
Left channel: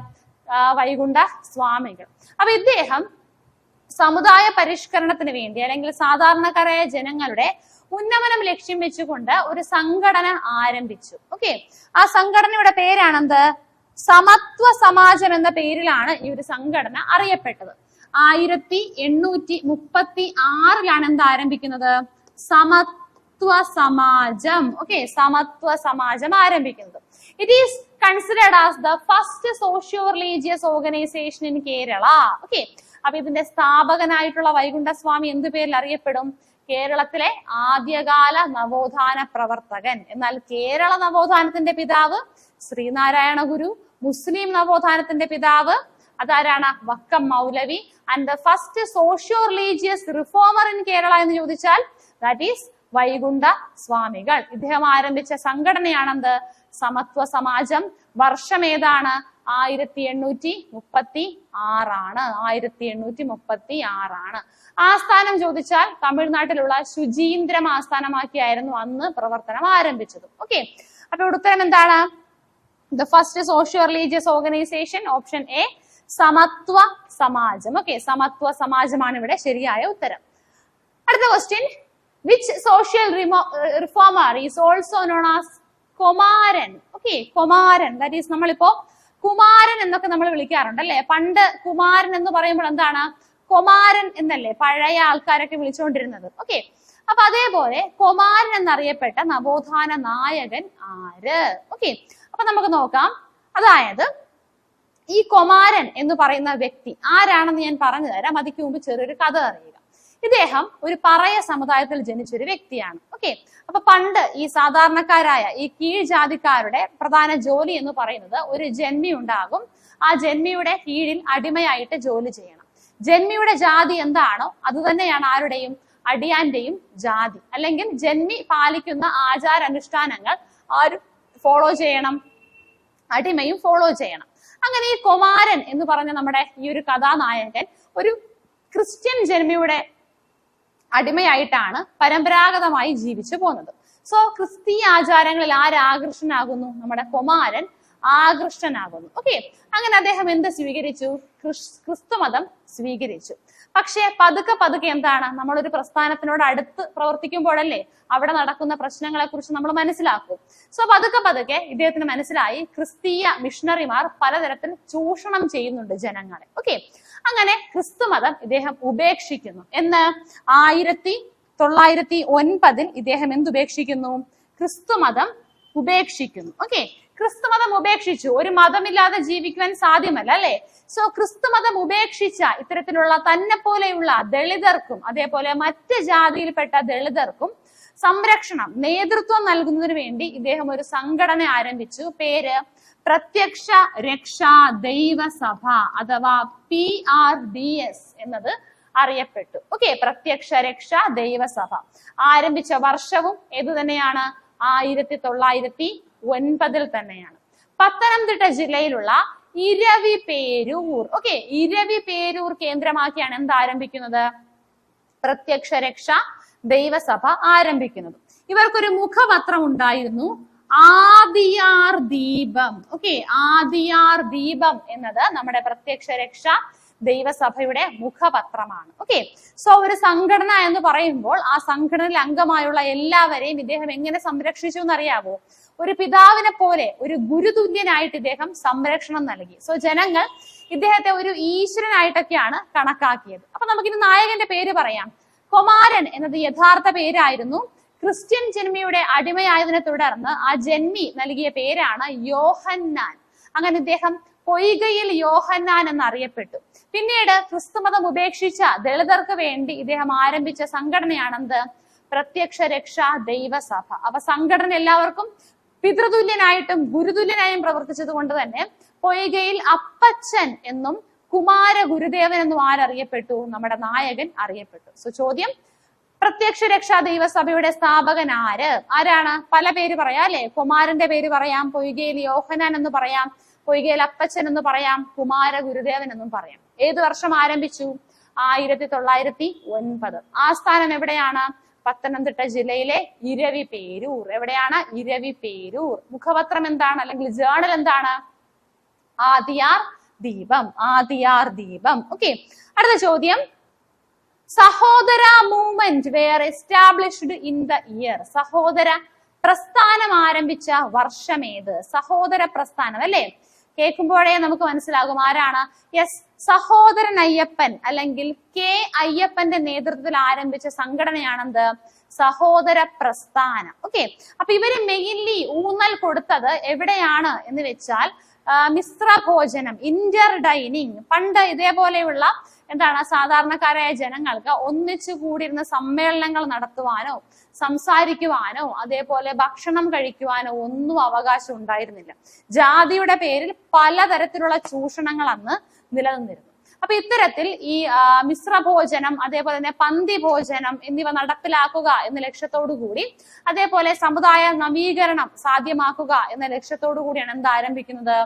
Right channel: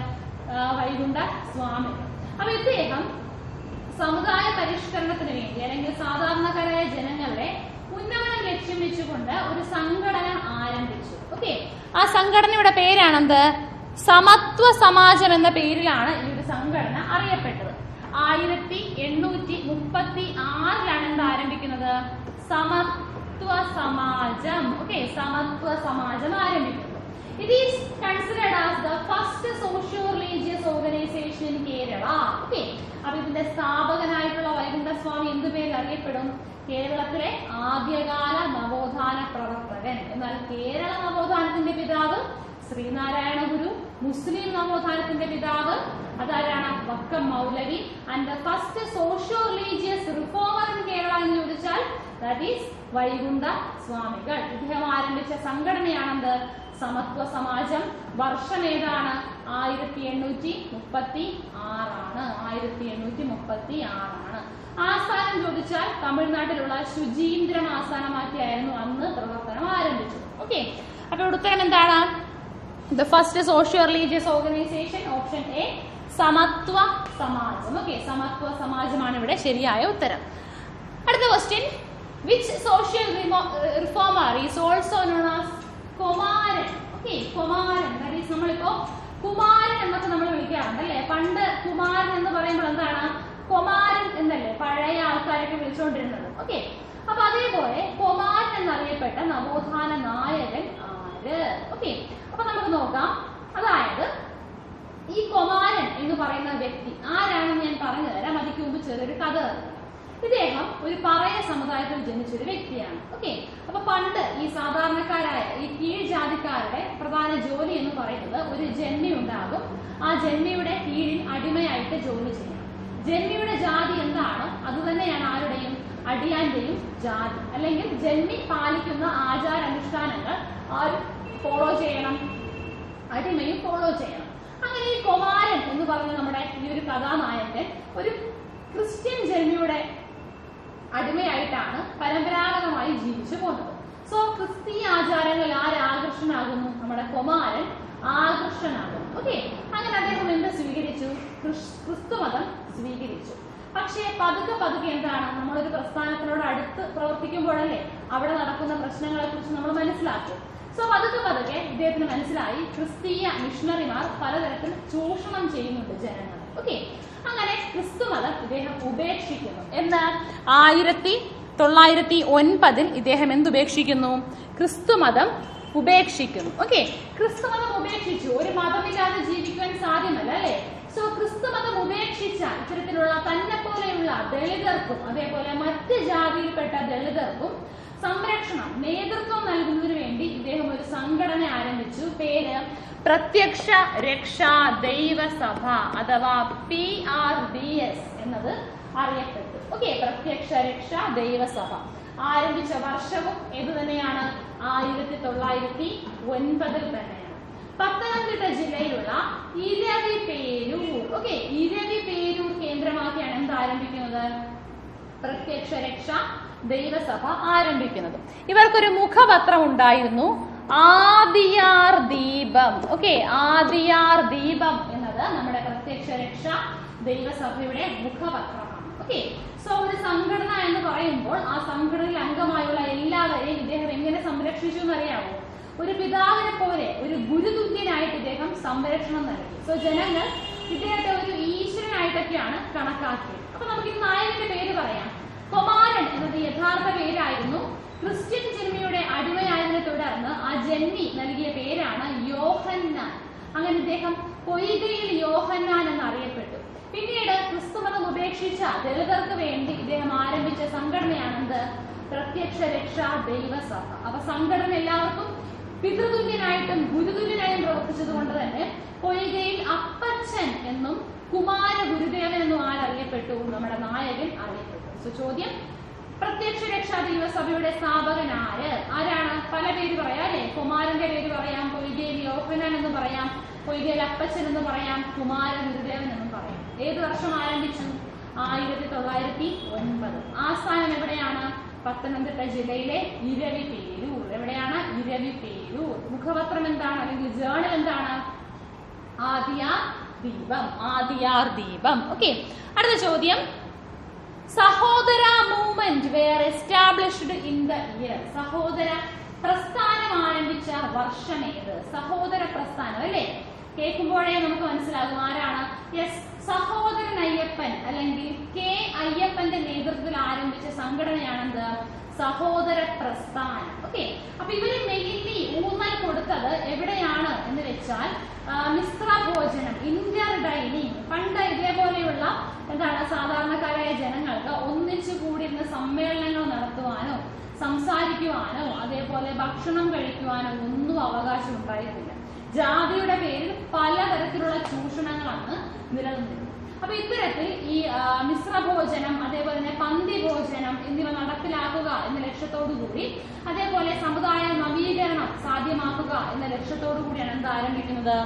വൈകുണ്ഠ സ്വാമികൾ. അപ്പൊ ഇദ്ദേഹം സമുദായ പരിഷ്കരണത്തിന് വേണ്ടി അല്ലെങ്കിൽ സാധാരണക്കാരായ ജനങ്ങളുടെ ഉന്നമനം ലക്ഷ്യം വെച്ചുകൊണ്ട് ഒരു സംഘടന ആരംഭിച്ചു. ഓക്കെ, ആ സംഘടനയുടെ പേരാണെന്ത്? സമത്വ സമാജം എന്ന പേരിലാണ് ഈ ഒരു സംഘടന അറിയപ്പെട്ടത്. 1836-ലാണ് എന്ത് ആരംഭിക്കുന്നത്? സമത്വ സമാജം. ഓക്കെ, സമത്വ സമാജം ആരംഭിക്കുന്നത്. It is considered as the first socio religious organisation in Kerala. Okay, അപ്പൊ ഇതിന്റെ സ്ഥാപകനായിട്ടുള്ള വൈകുണ്ഠസ്വാമി എന്ത് പേരിൽ അറിയപ്പെടും? കേരളത്തിലെ ആദ്യകാല നവോത്ഥാന പ്രവർത്തകൻ. എന്നാൽ കേരള നവോത്ഥാനത്തിന്റെ പിതാവ് ശ്രീനാരായണ ഗുരു, മുസ്ലിം നവോത്ഥാനത്തിന്റെ പിതാവ് അതാരാണ്? Vakkom Moulavi. And the first socio religious reformer in Kerala എന്ന് ചോദിച്ചാൽ ദാറ്റ് ഈസ് വൈകുണ്ഠ സ്വാമികൾ. ഇദ്ദേഹം ആരംഭിച്ച സംഘടനയാണെന്ത്? സമത്വ സമാജം. വർഷം ഏതാണ്? 1836ആണ്. 1836ആണ്. ആസ്ഥാനം ചോദിച്ചാൽ തമിഴ്നാട്ടിലുള്ള ശുചീന്ദ്രം ആസ്ഥാനമാക്കിയായിരുന്നു അന്ന് പ്രവർത്തനം ആരംഭിച്ചത്. ഓക്കെ, അപ്പോൾ ഉത്തരം എന്താണ്? The first socio religious organization option a Samatva Samajam. Okay, Samatva സമാജമാണ് ഇവിടെ ശരിയായ ഉത്തരം. അടുത്ത question, which social reformer is also known as Kumaran? Okay, Kumaran that is നമ്മളിപ്പോ കുമാരൻ എന്നൊക്കെ നമ്മൾ വിളിക്കാറുണ്ട് അല്ലേ? പണ്ട് കുമാരൻ എന്ന് പറയുമ്പോൾ എന്താണ്? കുമാരൻ എന്നല്ലേ പഴയ ആൾക്കാരൊക്കെ വിളിച്ചുകൊണ്ടിരുന്നത്. ഓക്കെ, അപ്പൊ അതേപോലെ കുമാരൻ എന്നറിയപ്പെട്ട നവോത്ഥാന നായകൻ ആര്? ഓക്കെ, അപ്പൊ നമുക്ക് നോക്കാം. അതായത് ഈ കുമാരൻ എന്ന് പറയുന്ന വ്യക്തി ആരാണെന്ന് ഞാൻ പറഞ്ഞു തരാം. അതിക്ക് മുമ്പ് ചെറിയൊരു കഥ അറിയാം. ഇദ്ദേഹം ഒരു പറയ സമുദായത്തിൽ ജനിച്ചൊരു വ്യക്തിയാണ്. ഓക്കെ, അപ്പൊ പണ്ട് ഈ സാധാരണക്കാരായ ഈ കീഴ്ജാതിക്കാരുടെ പ്രധാന ജോലി എന്ന് പറയുന്നത് ഒരു ജന്മി ഉണ്ടാകും. ആ ജന്മിയുടെ കീഴിൽ അടിമയായിട്ട് ജോലി ചെയ്യണം. ജന്മിയുടെ ജാതി എന്താണോ അത് തന്നെയാണ് ആരുടെയും? അടിയാന്റെയും ജാതി. അല്ലെങ്കിൽ ജന്മി പാലിക്കുന്ന ആചാരാനുഷ്ഠാനങ്ങൾ ആരും ഫോളോ ചെയ്യണം, അടിമയും ഫോളോ ചെയ്യണം. അങ്ങനെ ഈ കുമാരൻ എന്ന് പറഞ്ഞ നമ്മുടെ ഈ ഒരു കഥാനായകൻ ഒരു ക്രിസ്ത്യൻ ജന്മിയുടെ അടിമയായിട്ടാണ് പരമ്പരാഗതമായി ജീവിച്ചു പോകുന്നത്. സോ ക്രിസ്തീയ ആചാരങ്ങളിൽ ആരാകൃഷ്ടനാകുന്നു? നമ്മുടെ കുമാരൻ ആകൃഷ്ടനാകുന്നു. ഓക്കെ, അങ്ങനെ അദ്ദേഹം എന്ത് സ്വീകരിച്ചു? ക്രിസ്തുമതം സ്വീകരിച്ചു. പക്ഷേ പതുക്കെ പതുക്കെ എന്താണ്? നമ്മളൊരു പ്രസ്ഥാനത്തിനോട് അടുത്ത് പ്രവർത്തിക്കുമ്പോഴല്ലേ അവിടെ നടക്കുന്ന പ്രശ്നങ്ങളെ കുറിച്ച് നമ്മൾ മനസ്സിലാക്കും. സോ പതുക്കെ പതുക്കെ ഇദ്ദേഹത്തിന് മനസ്സിലായി ക്രിസ്തീയ മിഷണറിമാർ പലതരത്തിൽ ചൂഷണം ചെയ്യുന്നുണ്ട് ജനങ്ങളെ. ഓക്കെ, അങ്ങനെ ക്രിസ്തുമതം ഇദ്ദേഹം ഉപേക്ഷിക്കുന്നു. എന്ന് 1909 ഇദ്ദേഹം എന്തുപേക്ഷിക്കുന്നു? ക്രിസ്തുമതം ഉപേക്ഷിക്കുന്നു. ഓക്കെ, ക്രിസ്തുമതം ഉപേക്ഷിച്ചു. ഒരു മതമില്ലാതെ ജീവിക്കാൻ സാധ്യമല്ല അല്ലെ? സോ ക്രിസ്തുമതം ഉപേക്ഷിച്ച ഇത്തരത്തിലുള്ള തന്നെ പോലെയുള്ള ദളിതർക്കും അതേപോലെ മറ്റ് ജാതിയിൽപ്പെട്ട ദളിതർക്കും സംരക്ഷണം നേതൃത്വം നൽകുന്നതിന് വേണ്ടി ഇദ്ദേഹം ഒരു സംഘടന ആരംഭിച്ചു. പേര് പ്രത്യക്ഷ രക്ഷാ ദൈവസഭ അഥവാ PRDS എന്നത് അറിയപ്പെട്ടു. ഓക്കെ, പ്രത്യക്ഷ രക്ഷാ ദൈവസഭ ആരംഭിച്ച വർഷവും ഏത് തന്നെയാണ്? 1909 തന്നെയാണ്. പത്തനംതിട്ട ജില്ലയിലുള്ള ഇരവിപേരൂർ. ഓക്കെ, ഇരവിപേരൂർ കേന്ദ്രമാക്കിയാണ് എന്ത് ആരംഭിക്കുന്നത്? പ്രത്യക്ഷ രക്ഷാ ദൈവസഭ ആരംഭിക്കുന്നത്. ഇവർക്കൊരു മുഖപത്രം ഉണ്ടായിരുന്നു, ആദിയാർ ദീപം. ഓക്കെ, ആദിയാർ ദീപം എന്നത് നമ്മുടെ പ്രത്യക്ഷ രക്ഷാ ദൈവസഭയുടെ മുഖപത്രമാണ്. ഓക്കെ, സോ ഒരു സംഘടന എന്ന് പറയുമ്പോൾ ആ സംഘടനയിൽ അംഗമായുള്ള എല്ലാവരെയും ഇദ്ദേഹം എങ്ങനെ സംരക്ഷിച്ചു എന്നറിയാമോ? ഒരു പിതാവിനെ പോലെ ഒരു ഗുരുതുല്യനായിട്ട് ഇദ്ദേഹം സംരക്ഷണം നൽകി. സോ ജനങ്ങൾ ഇദ്ദേഹത്തെ ഒരു ഈശ്വരനായിട്ടൊക്കെയാണ് കണക്കാക്കിയത്. അപ്പൊ നമുക്കിത് നായകന്റെ പേര് പറയാം. കുമാരൻ എന്നത് യഥാർത്ഥ പേരായിരുന്നു. ക്രിസ്ത്യൻ ജന്മിയുടെ അടിമയായതിനെ തുടർന്ന് ആ ജന്മി നൽകിയ പേരാണ് യോഹന്നാൻ. അങ്ങനെ ഇദ്ദേഹം പൊയ്കയിൽ യോഹന്നാൻ എന്നറിയപ്പെട്ടു. പിന്നീട് ക്രിസ്തുമതം ഉപേക്ഷിച്ച ദളിതർക്ക് വേണ്ടി ഇദ്ദേഹം ആരംഭിച്ച സംഘടനയാണെന്ത്? പ്രത്യക്ഷ രക്ഷാ ദൈവസഭ. അപ്പൊ സംഘടന എല്ലാവർക്കും പിതൃതുല്യനായിട്ടും ഗുരുതുല്യനായും പ്രവർത്തിച്ചത് കൊണ്ട് തന്നെ പൊയ്കയിൽ അപ്പച്ചൻ എന്നും കുമാര ഗുരുദേവൻ എന്നും ആരറിയപ്പെട്ടു? നമ്മുടെ നായകൻ അറിയപ്പെട്ടു. സോ ചോദ്യം, പ്രത്യക്ഷ രക്ഷാ ദൈവസഭയുടെ സ്ഥാപകൻ ആരാണ്? പല പേര് പറയാം അല്ലെ. കുമാരന്റെ പേര് പറയാം, പൊയ്കയിൽ യോഹന്നാൻ എന്ന് പറയാം, പൊയ്കയിൽ അപ്പച്ചൻ എന്ന് പറയാം, കുമാര ഗുരുദേവൻ എന്നും പറയാം. ഏത് വർഷം ആരംഭിച്ചു? 1909. ആസ്ഥാനം എവിടെയാണ്? പത്തനംതിട്ട ജില്ലയിലെ ഇരവിപേരൂർ. എവിടെയാണ്? ഇരവിപേരൂർ. മുഖപത്രം എന്താണ് അല്ലെങ്കിൽ ജേണൽ എന്താണ്? ആദിയാർ ദീപം. ആദിയാർ ദീപം. ഓക്കെ, അടുത്ത ചോദ്യം, Sahodara movement were established in the year. സഹോദര പ്രസ്ഥാനം ആരംഭിച്ച വർഷം ഏത്? സഹോദര പ്രസ്ഥാനം അല്ലേ? കേൾക്കുമ്പോഴേ നമുക്ക് മനസ്സിലാകും ആരാണ്. യെസ്, സഹോദരൻ അയ്യപ്പൻ അല്ലെങ്കിൽ കെ അയ്യപ്പന്റെ നേതൃത്വത്തിൽ ആരംഭിച്ച സംഘടനയാണെന്ത്? സഹോദര പ്രസ്ഥാനം. ഓക്കെ, അപ്പൊ ഇവര് മെയിൻലി ഊന്നൽ കൊടുത്തത് എവിടെയാണ് എന്ന് വെച്ചാൽ മിശ്രഭോജനം, ഇന്റർ ഡൈനിങ്. പണ്ട് ഇതേപോലെയുള്ള എന്താണ് സാധാരണക്കാരായ ജനങ്ങൾക്ക് ഒന്നിച്ചു കൂടിയിരുന്ന സമ്മേളനങ്ങൾ നടത്തുവാനോ സംസാരിക്കുവാനോ അതേപോലെ ഭക്ഷണം കഴിക്കുവാനോ ഒന്നും അവകാശം ഉണ്ടായിരുന്നില്ല. ജാതിയുടെ പേരിൽ പലതരത്തിലുള്ള ചൂഷണങ്ങൾ അന്ന് നിലനിന്നിരുന്നു. അപ്പൊ ഇത്തരത്തിൽ ഈ മിശ്രഭോജനം അതേപോലെ തന്നെ പന്തി ഭോജനം എന്നിവ നടപ്പിലാക്കുക എന്ന ലക്ഷ്യത്തോടു കൂടി അതേപോലെ സമുദായ നവീകരണം സാധ്യമാക്കുക എന്ന ലക്ഷ്യത്തോടു കൂടിയാണ് എന്ത് ആരംഭിക്കുന്നത്?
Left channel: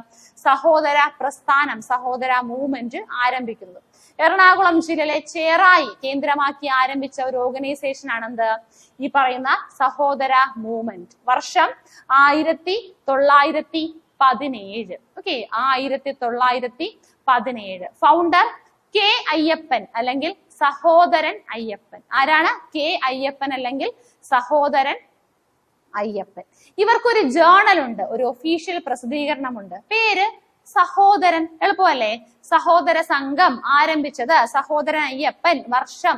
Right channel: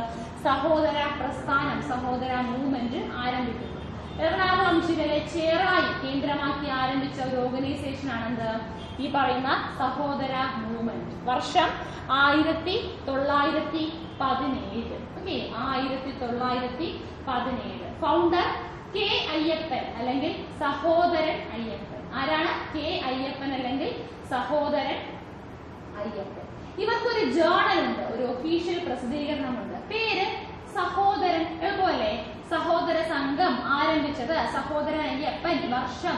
സഹോദര പ്രസ്ഥാനം, സഹോദര മൂവ്മെന്റ് ആരംഭിക്കുന്നത്. എറണാകുളം ജില്ലയിലെ ചേറായി കേന്ദ്രമാക്കി ആരംഭിച്ച ഒരു ഓർഗനൈസേഷൻ ആണെന്ത്? ഈ പറയുന്ന സഹോദര മൂവ്മെന്റ്. വർഷം 1917. ഓക്കെ, 1917. ഫൗണ്ടർ കെ അയ്യപ്പൻ അല്ലെങ്കിൽ സഹോദരൻ അയ്യപ്പൻ. ആരാണ്? കെ അയ്യപ്പൻ അല്ലെങ്കിൽ സഹോദരൻ അയ്യപ്പൻ. ഇവർക്കൊരു ജേണൽ ഉണ്ട്, ഒരു ഒഫീഷ്യൽ പ്രസിദ്ധീകരണമുണ്ട്. പേര് സഹോദരൻ. എളുപ്പമല്ലേ? സഹോദര സംഘം ആരംഭിച്ചത് സഹോദരൻ അയ്യപ്പൻ. വർഷം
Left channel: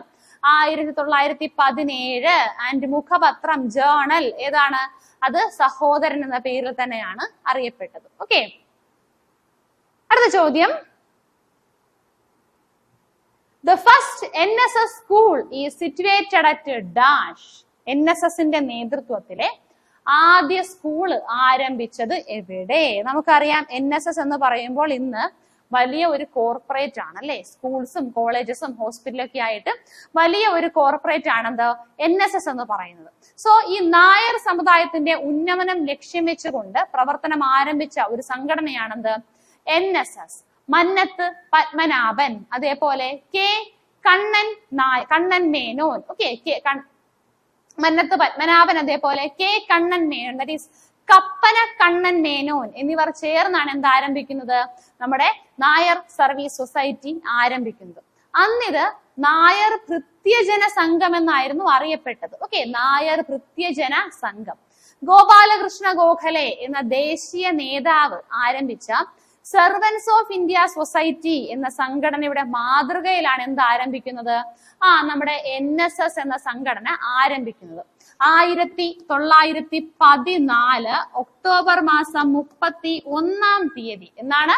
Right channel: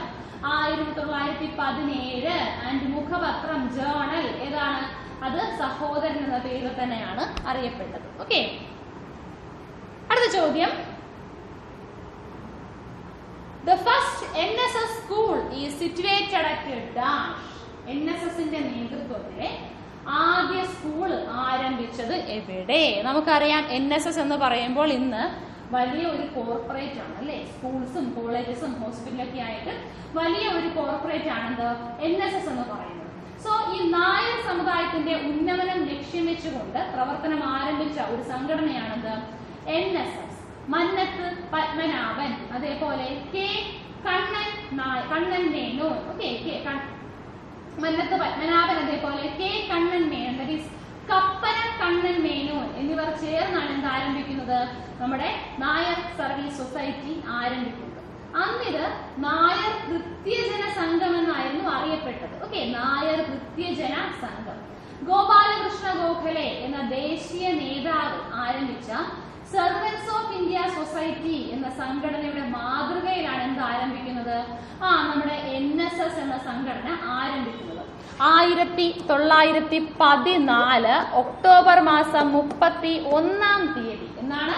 1917. ആൻഡ് മുഖപത്രം ജേണൽ ഏതാണ്? അത് സഹോദരൻ എന്ന പേരിൽ തന്നെയാണ് അറിയപ്പെട്ടത്. ഓക്കെ, അടുത്ത ചോദ്യം, The first NSS school is situated at dash. NSSന്റെ നേതൃത്വത്തിലെ ആദ്യ സ്കൂൾ ആരംഭിച്ചത് എവിടെ? നമുക്കറിയാം NSS എന്ന് പറയുമ്പോൾ ഇന്ന് വലിയ ഒരു കോർപ്പറേറ്റ് ആണ് അല്ലേ? സ്കൂൾസും കോളേജസും ഹോസ്പിറ്റലൊക്കെ ആയിട്ട് വലിയ ഒരു കോർപ്പറേറ്റ് ആണെന്ത് NSS എന്ന് പറയുന്നത്. സോ ഈ നായർ സമുദായത്തിന്റെ ഉന്നമനം ലക്ഷ്യം വെച്ചുകൊണ്ട് പ്രവർത്തനം ആരംഭിച്ച ഒരു സംഘടനയാണെന്ത്? NSS. മന്നത്ത് പത്മനാഭൻ അതേപോലെ കെ കണ്ണൻ മേനോൻ. ഓക്കെ, മന്നത്ത് പത്മനാഭൻ അതേപോലെ K Kannan Menon, that is Kappana Kannan Menon എന്നിവർ ചേർന്നാണ് എന്ത് ആരംഭിക്കുന്നത്? നമ്മുടെ നായർ സർവീസ് സൊസൈറ്റി ആരംഭിക്കുന്നത്. അന്നിത് നായർ ഭൃത്യജന സംഘം എന്നായിരുന്നു അറിയപ്പെട്ടത്. ഓക്കെ, നായർ ഭൃത്യജന സംഘം. ഗോപാലകൃഷ്ണ ഗോഖലെ എന്ന ദേശീയ നേതാവ് ആരംഭിച്ച സെർവൻസ് ഓഫ് ഇന്ത്യ സൊസൈറ്റി എന്ന സംഘടനയുടെ മാതൃകയിലാണ് എന്ത് ആരംഭിക്കുന്നത്? നമ്മുടെ NSS എന്ന സംഘടന ആരംഭിക്കുന്നത്. 1914 ഒക്ടോബർ മാസം 31-ാം തീയതി എന്നാണ്.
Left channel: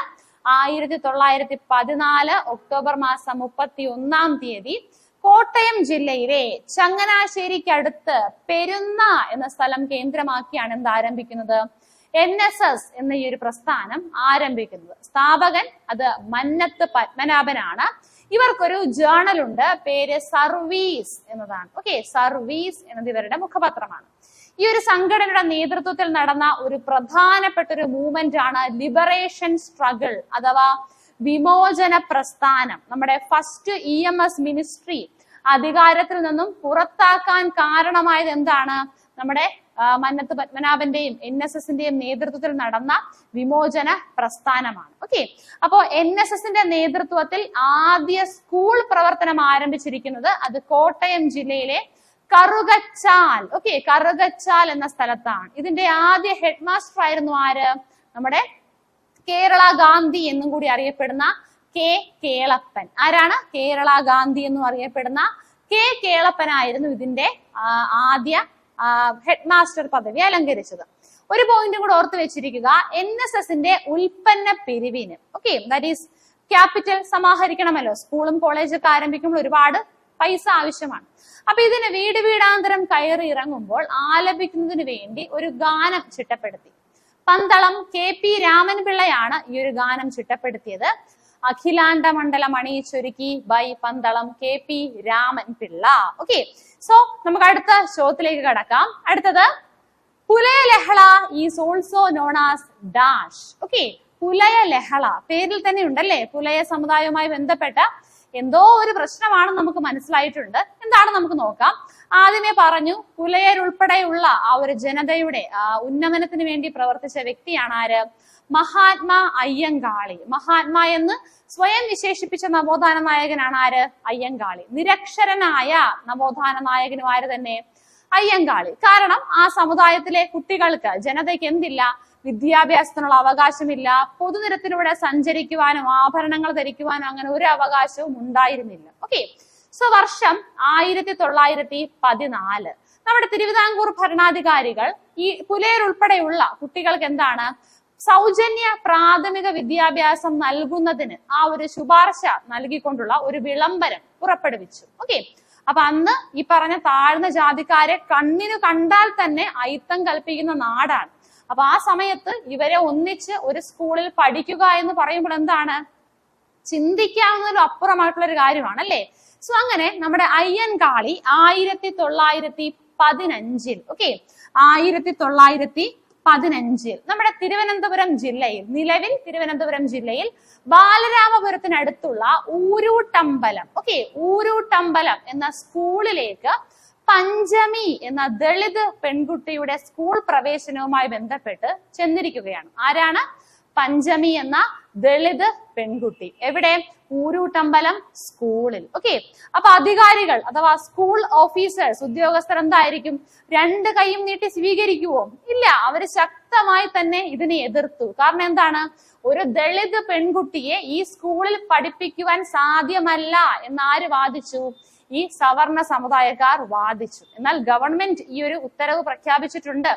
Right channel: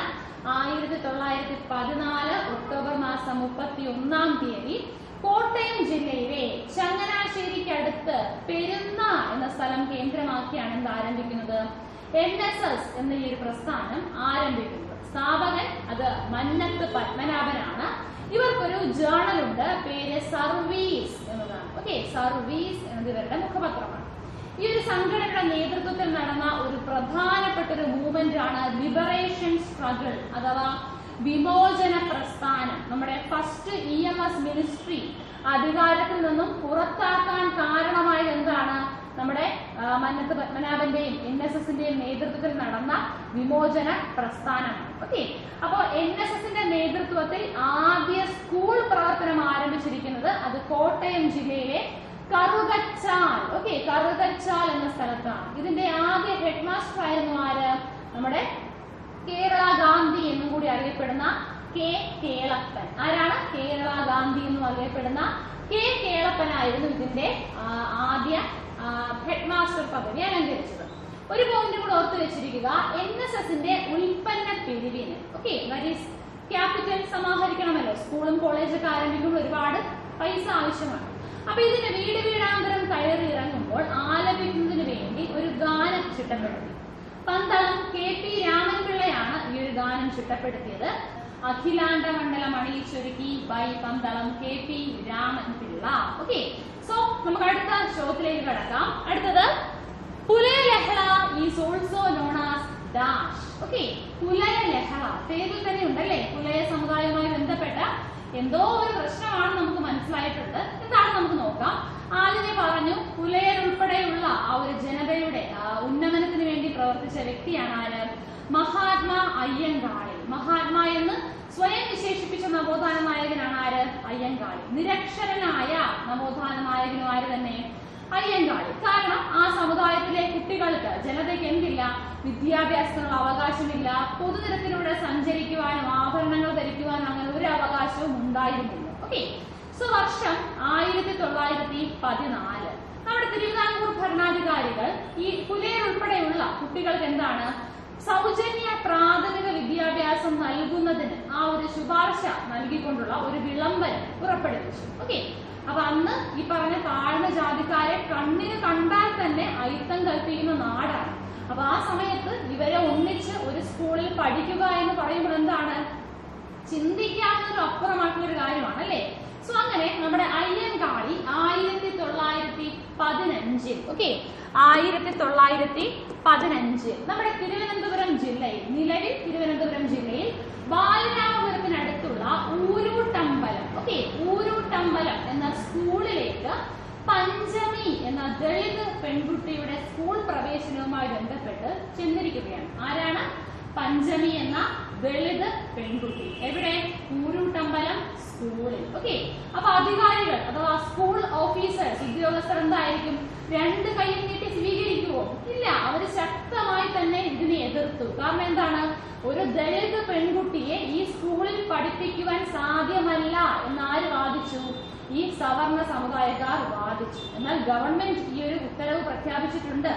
1914 ഒക്ടോബർ മാസം 31-ാം തീയതി കോട്ടയം ജില്ലയിലെ ചങ്ങനാശ്ശേരിക്കടുത്ത് പെരുന്ന എന്ന സ്ഥലം കേന്ദ്രമാക്കിയാണ് എന്ത് ആരംഭിക്കുന്നത്? NSS എന്ന ഈ ഒരു പ്രസ്ഥാനം ആരംഭിക്കുന്നത്. സ്ഥാപകൻ അത് മന്നത്ത് പത്മനാഭനാണ്. ഇവർക്കൊരു ജേണൽ ഉണ്ട്, പേര് സർവീസ് എന്നതാണ്. ഓക്കെ, സർവീസ് എന്നത് ഇവരുടെ മുഖപത്രമാണ്. ഈ ഒരു സംഘടനയുടെ നേതൃത്വത്തിൽ നടന്ന ഒരു പ്രധാനപ്പെട്ട ഒരു മൂവ്മെന്റ് ആണ് ലിബറേഷൻ സ്ട്രഗിൾ അഥവാ വിമോചന പ്രസ്ഥാനം. നമ്മുടെ ഫസ്റ്റ് EMS മിനിസ്ട്രി അധികാരത്തിൽ നിന്നും പുറത്താക്കാൻ കാരണമായത് എന്താണ്? നമ്മുടെ മന്നത്ത് പത്മനാഭന്റെയും NSSന്റെയും നേതൃത്വത്തിൽ നടന്ന വിമോചന പ്രസ്ഥാനമാണ്. ഓക്കെ, അപ്പോൾ NSSന്റെ നേതൃത്വത്തിൽ ആദ്യ സ്കൂൾ പ്രവർത്തനം ആരംഭിച്ചിരിക്കുന്നത് അത് കോട്ടയം ജില്ലയിലെ കറുകച്ചാൽ. ഓക്കെ, കറുകച്ചാൽ എന്ന സ്ഥലത്താണ്. ഇതിന്റെ ആദ്യ ഹെഡ് മാസ്റ്റർ ആയിരുന്നു ആര്? നമ്മുടെ കേരള ഗാന്ധി എന്നും കൂടി അറിയപ്പെടുന്ന കെ കേളപ്പൻ. ആരാണ്? കേരള ഗാന്ധി എന്നും അറിയപ്പെടുന്ന കെ കേളപ്പനായിരുന്നു ഇതിന്റെ ആദ്യ ഹെഡ് മാസ്റ്റർ പദവി അലങ്കരിച്ചത്. ഒരു പോയിന്റ് കൂടെ ഓർത്ത് വെച്ചിരിക്കുക, NSSന്റെ ഉൽപ്പന്ന പിരിവിന് ദാറ്റ് ഈസ് ക്യാപിറ്റൽ സമാഹരിക്കണമല്ലോ. സ്കൂളും കോളേജൊക്കെ ആരംഭിക്കുമ്പോൾ ഒരുപാട് പൈസ ആവശ്യമാണ്. അപ്പൊ ഇതിന് വീട് വീടാന്തരം കയറി ഇറങ്ങുമ്പോൾ ആലപിക്കുന്നതിന് വേണ്ടി ഒരു ഗാനം ചിട്ടപ്പെടുത്തി. പന്തളം KP രാമൻപിള്ളയാണ് ഈ ഒരു ഗാനം ചിട്ടപ്പെടുത്തിയത്. അഖിലാണ്ട മണ്ഡലം അണിയിച്ചൊരുക്കി by Pandalam KP Ramanpillai. So നമുക്ക് അടുത്ത ചോദ്യത്തിലേക്ക് കടക്കാം. അടുത്തത് Pulaya Lahala is also known as dash. Pulaya Lahala പേരിൽ തന്നെ ഉണ്ടല്ലേ. പുലയ സമുദായവുമായി ബന്ധപ്പെട്ട എന്തോ ഒരു പ്രശ്നമാണ് നമുക്ക് മനസ്സിലായിട്ടുണ്ട്. എന്താണ് നമുക്ക് നോക്കാം. ആദ്യമേ പറഞ്ഞു, പുലയരുൾപ്പെടെയുള്ള ആ ഒരു ജനതയുടെ ഉന്നമനത്തിന് വേണ്ടി പ്രവർത്തിച്ച വ്യക്തിയാണ് ആര്? മഹാത്മാ അയ്യങ്കാളി. മഹാത്മാ എന്ന് സ്വയം വിശേഷിപ്പിച്ച നവോത്ഥാന നായകനാണ് ആര്? അയ്യങ്കാളി. നിരക്ഷരനായ നവോത്ഥാന നായകനും ആര് തന്നെ? അയ്യങ്കാളി. കാരണം ആ സമുദായത്തിലെ കുട്ടികൾക്ക്, ജനതയ്ക്ക് എന്തില്ല? വിദ്യാഭ്യാസത്തിനുള്ള അവകാശമില്ല. പൊതുനിരത്തിലൂടെ സഞ്ചരിക്കുവാനും ആഭരണങ്ങൾ ധരിക്കുവാനും അങ്ങനെ ഒരു അവകാശവും ഉണ്ടായിരുന്നില്ല. സോ വർഷം 1914. നമ്മുടെ തിരുവിതാംകൂർ ഭരണാധികാരികൾ ഈ പുലയരുൾപ്പെടെയുള്ള കുട്ടികൾക്ക് എന്താണ്? സൗജന്യ പ്രാഥമിക വിദ്യാഭ്യാസം നൽകുന്നതിന് ആ ഒരു ശുപാർശ നൽകിക്കൊണ്ടുള്ള ഒരു വിളംബരം പുറപ്പെടുവിച്ചു. അപ്പൊ അന്ന് ഈ പറഞ്ഞ താഴ്ന്ന ജാതിക്കാരെ കണ്ണിന് കണ്ടാൽ തന്നെ അയിത്തം കൽപ്പിക്കുന്ന നാടാണ്. അപ്പൊ ആ സമയത്ത് ഇവരെ ഒന്നിച്ച് ഒരു സ്കൂളിൽ പഠിക്കുക എന്ന് പറയുമ്പോൾ എന്താണ്? ചിന്തിക്കാവുന്നതിലും അപ്പുറമായിട്ടുള്ള ഒരു കാര്യമാണ് അല്ലേ. സോ അങ്ങനെ നമ്മുടെ അയ്യൻകാളി 1915 നമ്മുടെ തിരുവനന്തപുരം ജില്ലയിൽ, നിലവിൽ തിരുവനന്തപുരം ജില്ലയിൽ ബാലരാമപുരത്തിനടുത്തുള്ള ഊരൂട്ടമ്പലം ഊരൂട്ടമ്പലം എന്ന സ്കൂളിലേക്ക് പഞ്ചമി എന്ന ദളിത് പെൺകുട്ടിയുടെ സ്കൂൾ പ്രവേശനവുമായി ബന്ധപ്പെട്ട് ചെന്നിരിക്കുകയാണ്. ആരാണ്? പഞ്ചമി എന്ന ദളിത് പെൺകുട്ടി. എവിടെ? ഊരൂട്ടമ്പലം സ്കൂളിൽ. അപ്പൊ അധികാരികൾ അഥവാ സ്കൂൾ ഓഫീസേഴ്സ്, ഉദ്യോഗസ്ഥർ എന്തായിരിക്കും? രണ്ട് കൈയും നീട്ടി സ്വീകരിക്കുവോ? ഇല്ല. അവര് ശക്തമായി തന്നെ ഇതിനെ എതിർത്തു. കാരണം എന്താണ്? ഒരു ദളിത് പെൺകുട്ടിയെ ഈ സ്കൂളിൽ പഠിപ്പിക്കുവാൻ സാധ്യമല്ല എന്നാര് വാദിച്ചു? ഈ സവർണ സമുദായക്കാർ വാദിച്ചു. എന്നാൽ ഗവൺമെന്റ് ഈ ഒരു ഉത്തരവ് പ്രഖ്യാപിച്ചിട്ടുണ്ട്.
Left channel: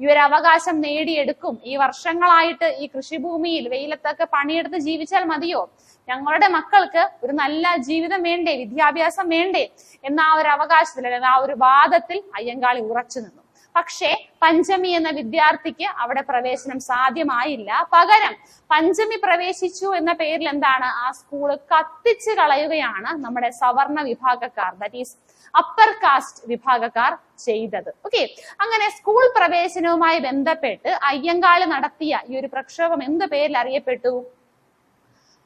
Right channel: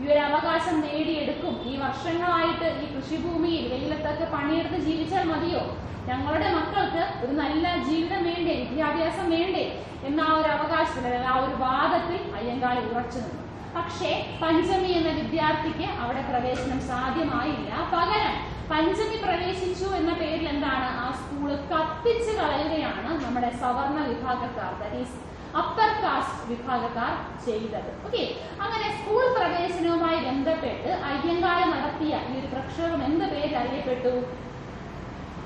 ഈ ഒരു അവകാശം നേടിയെടുക്കും. ഈ വർഷങ്ങളായിട്ട് ഈ കൃഷിഭൂമിയിൽ വെയിലത്തൊക്കെ പണിയെടുത്ത് ജീവിച്ചാൽ മതിയോ? ഞങ്ങളുടെ മക്കൾക്ക് ഒരു നല്ല ജീവിതം വേണ്ടേ, വിദ്യാഭ്യാസം വേണ്ടേ എന്ന ആ ഒരു അവകാശത്തിൽ, ആ ഒരു വാദത്തിൽ അയ്യങ്കാളി ഉറച്ചു നിന്നു. പക്ഷേ പഞ്ചമി എന്ന വിദ്യാർത്ഥിക്ക് അവിടെ പ്രവേശനം സാധ്യമായില്ല. പകരം പഞ്ചമി പ്രവേശിച്ചു എന്ന പേരിൽ എന്താണ്? ആ സ്കൂള് കത്തിച്ച് കളയുകയാണ് നമ്മുടെ സവർണ വിഭാഗക്കാർ, ദാറ്റ് ഈസ് അപ്പർ കാസ്റ്റ് വിഭാഗക്കാർ ചെയ്തത്. അങ്ങനെ സ്കൂൾ പ്രവേശനവുമായി ബന്ധപ്പെട്ട് അയ്യങ്കാളി നടത്തിയ ഈ ഒരു പ്രക്ഷോഭം എന്ത് പേരിൽ അറിയപ്പെട്ടു?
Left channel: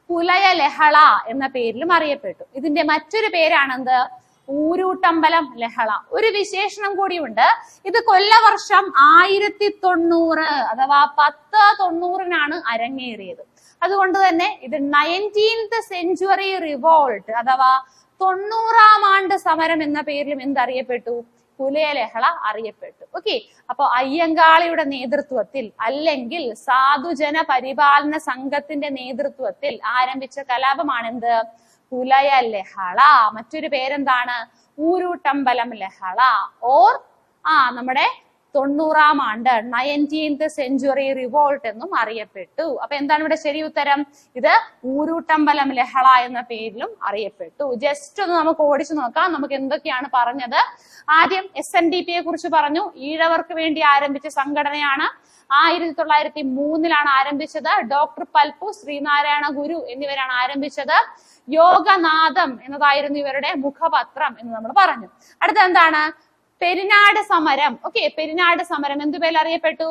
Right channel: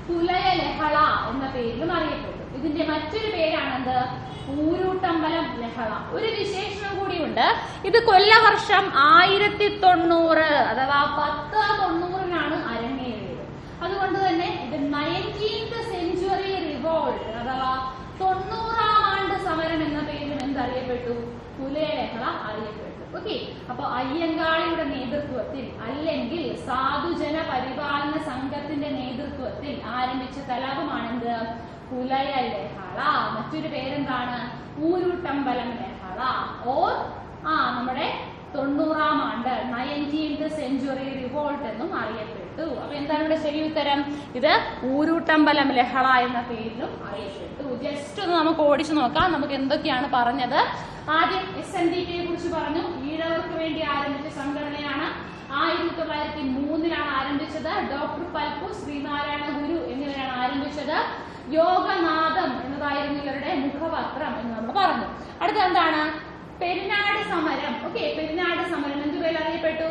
പുലയ ലഹള എന്ന പേരിലും അറിയപ്പെട്ടു. ഇതിന്റെ മറ്റൊരു പേരാണെന്ത്? ഊരൂട്ടമ്പലം ലഹള. ഒരു വിശേഷണം കൂടിയുണ്ട്. ഇത് കൊല്ലവർഷം 1090 അഥവാ 1090 അരങ്ങേറിയത്. അതുകൊണ്ട് തന്നെ ഇത് 19th സെഞ്ച്വറി റിവോൾട്ട് അഥവാ 90-ാം ആണ്ട് സമരം എന്ന പേരിലും എന്തറിയപ്പെട്ടു? പുലയ ലഹള അറിയപ്പെട്ടു. അപ്പൊ അയ്യങ്കാളിയുടെ നേതൃത്വത്തിൽ അല്ലെങ്കിൽ സാധുജന പരിപാലന സംഘത്തിന്റെ നേതൃത്വത്തിൽ ആരംഭിച്ച കലാപമാണെന്ത്? പുലയ ലഹള. മറ്റൊരു പേരെന്താണ്? ഊരൂട്ടമ്പലം ലഹള ഓർ നമ്മുടെ 90-ാം ആണ്ട് 19th സെഞ്ച്വറി റിവോൾട്ട് എന്നും അറിയപ്പെട്ടു. അപ്പൊ എന്താണ് ഇവിടെ ശരി ഉത്തരം? ഇത് ഊരൂട്ടമ്പലം ലഹള എന്ന പേരിലും അറിയപ്പെട്ടു. ജസ്റ്റ് ഒന്ന് നമുക്ക് ഓടിച്ചു നോക്കാം. നമുക്ക് എന്തൊക്കെയാണ് പറഞ്ഞത്? ആദ്യം SNDPയെ കുറിച്ച് പറഞ്ഞു. ഈഴവർക്ക് വേണ്ടി ആരംഭിച്ച സംഘടനയാണ്. 1903 ആരംഭിച്ചത്. ഡോക്ടർ പൽപ്പു, ശ്രീനാരായണ ഗുരു എന്നിവരാണ് ആരംഭിച്ചത്. യോഗനാഥം എന്നതായിരുന്നു ഇവരുടെ മുഖപത്രം എന്ന് നമ്മൾ പറഞ്ഞു. അടുത്ത എന്താണ്? പെരിനാട് സമരം. പെരിനാട് സമരം എന്തു പേരിൽ അറിയപ്പെട്ടു?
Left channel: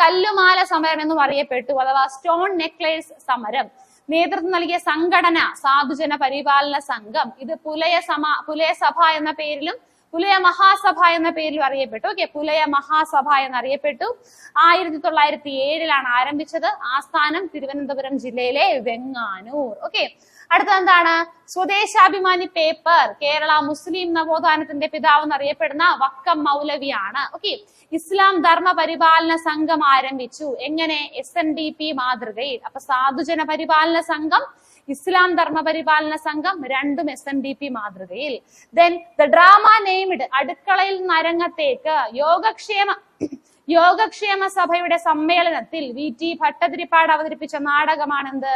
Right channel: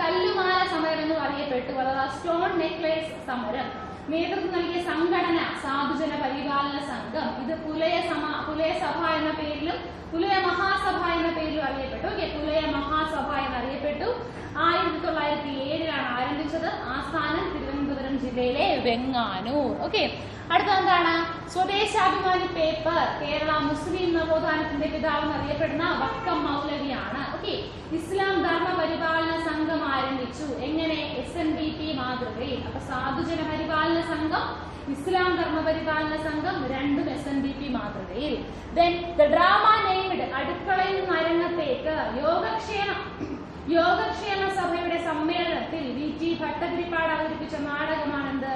കല്ലുമാല സമരം എന്നും അറിയപ്പെട്ടു, അഥവാ സ്റ്റോൺ നെക്ലേസ് സമരം. നേതൃത്വം നൽകിയ സംഘടന സാധുജന പരിപാലന സംഘം. ഇത് പുലയ സഭ എന്ന പേരിലും പുലയ മഹാസഭ എന്ന പേരിലും അറിയപ്പെട്ടു. പുലയ മഹാസഭ എന്നറിയപ്പെട്ടു. 1907 ആരംഭിച്ചത്. ആസ്ഥാനം തിരുവനന്തപുരം ജില്ലയിലെ വെങ്ങാനൂർ. അടുത്ത എന്താണ്? സ്വദേശാഭിമാനി പേപ്പർ. കേരള മുസ്ലിം നവോത്ഥാനത്തിന്റെ പിതാവ് എന്നറിയപ്പെടുന്ന വക്കം മൗലവിയാണ്. ഇസ്ലാം ധർമ്മ പരിപാലന സംഘം ആരംഭിച്ചു. എങ്ങനെ? SNDP മാതൃകയിൽ. അപ്പൊ സാധുജന പരിപാലന സംഘം, ഇസ്ലാം ധർമ്മ പരിപാലന സംഘം രണ്ടും SNDP മാതൃകയിൽ. Then the drama named. അടുക്കളയിൽ നിന്ന് അരങ്ങത്തേക്ക്. യോഗക്ഷേമ സഭയുടെ സമ്മേളനത്തിൽ VT ഭട്ടതിരിപ്പാട് അവതരിപ്പിച്ച നാടകമാണെന്ത്?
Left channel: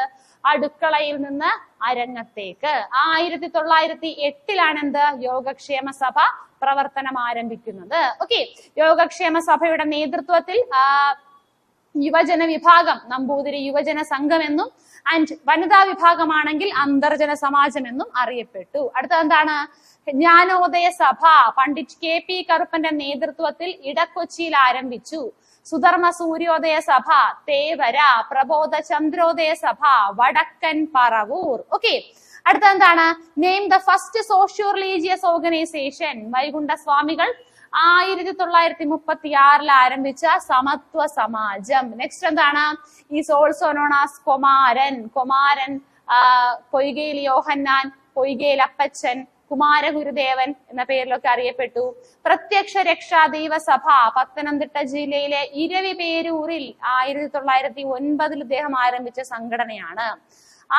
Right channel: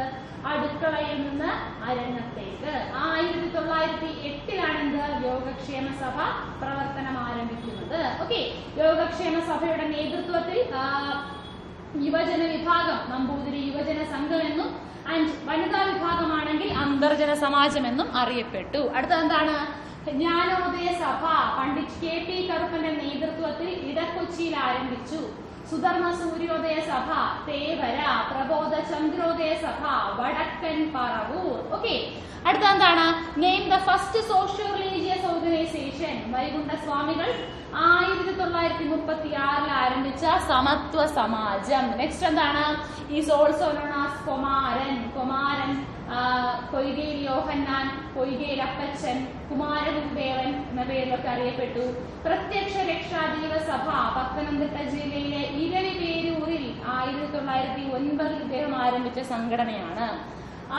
അടുക്കളയിൽ നിന്ന് അരങ്ങത്തേക്ക്. 1908 എന്ത്? യോഗക്ഷേമ സഭ പ്രവർത്തനം ആരംഭിക്കുന്നത്. ഓക്കെ, യോഗക്ഷേമ സഭയുടെ നേതൃത്വത്തിൽ യുവജന വിഭാഗം നമ്പൂതിരി യുവജന സംഘം എന്നും ആൻഡ് വനിതാ വിഭാഗമാണെങ്കിൽ അന്തർജന സമാജം എന്നും അറിയപ്പെട്ടു. അടുത്തത് എന്താണ്? ജ്ഞാനോദയ സഭ പണ്ഡിറ്റ് KP കറുപ്പന്റെ നേതൃത്വത്തിൽ ഇടക്കൊച്ചിയിൽ ആരംഭിച്ചു. സുധർമ്മ സൂര്യോദയ സഭ തേവര, പ്രബോധ ചന്ദ്രോദയ സഭ വടക്കൻ പറവൂർ. ഓക്കെ, അടുത്ത എന്താണ്? Name the first socio religious organization. Vaikunta Swamikal 1936 ആരംഭിച്ച സമത്വ സമാജം. നെക്സ്റ്റ് എന്താണ്? Is also known as Kumaran. Kumaran Poykayil Yohannan, Poykayil Appachan, Kumaragurudevan എന്ന പേരിലൊക്കെ അറിയപ്പെട്ടു. പ്രത്യക്ഷ രക്ഷാദൈവ സഭ പത്തനംതിട്ട ജില്ലയിലെ ഇരവിപേരൂരിൽ 1909 ഇദ്ദേഹം ആരംഭിച്ച സംഘടനയാണ്.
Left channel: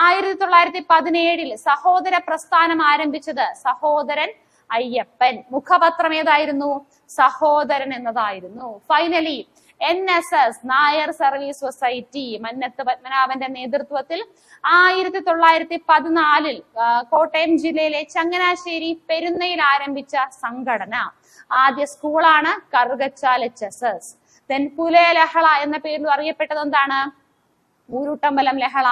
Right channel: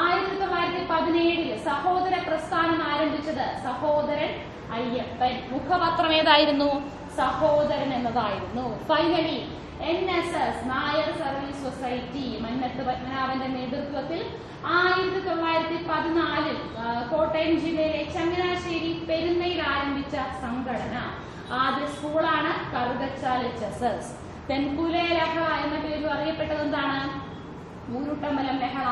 1917 സഹോദര പ്രസ്ഥാനം ആരംഭിച്ചത് സഹോദരൻ അയ്യപ്പൻ. മുഖപത്രം ഏതായിരുന്നു? സഹോദരൻ എന്നതായിരുന്നു. Finally NSS Nair service society Mannath പത്മനാഭന്റെ നേതൃത്വത്തിൽ 1914 കോട്ടയം ജില്ലയിലെ ചങ്ങനാശ്ശേരി പെരുന്നയിൽ ആരംഭിച്ച സംഘടന. ആദ്യ സ്കൂളാണ് കറുകച്ചാൽ HSS. പുലയ ലഹള എന്ന പേരിൽ അറിയപ്പെട്ടത് എന്താണ്? ഊരുട്ടമ്പലം ലഹള.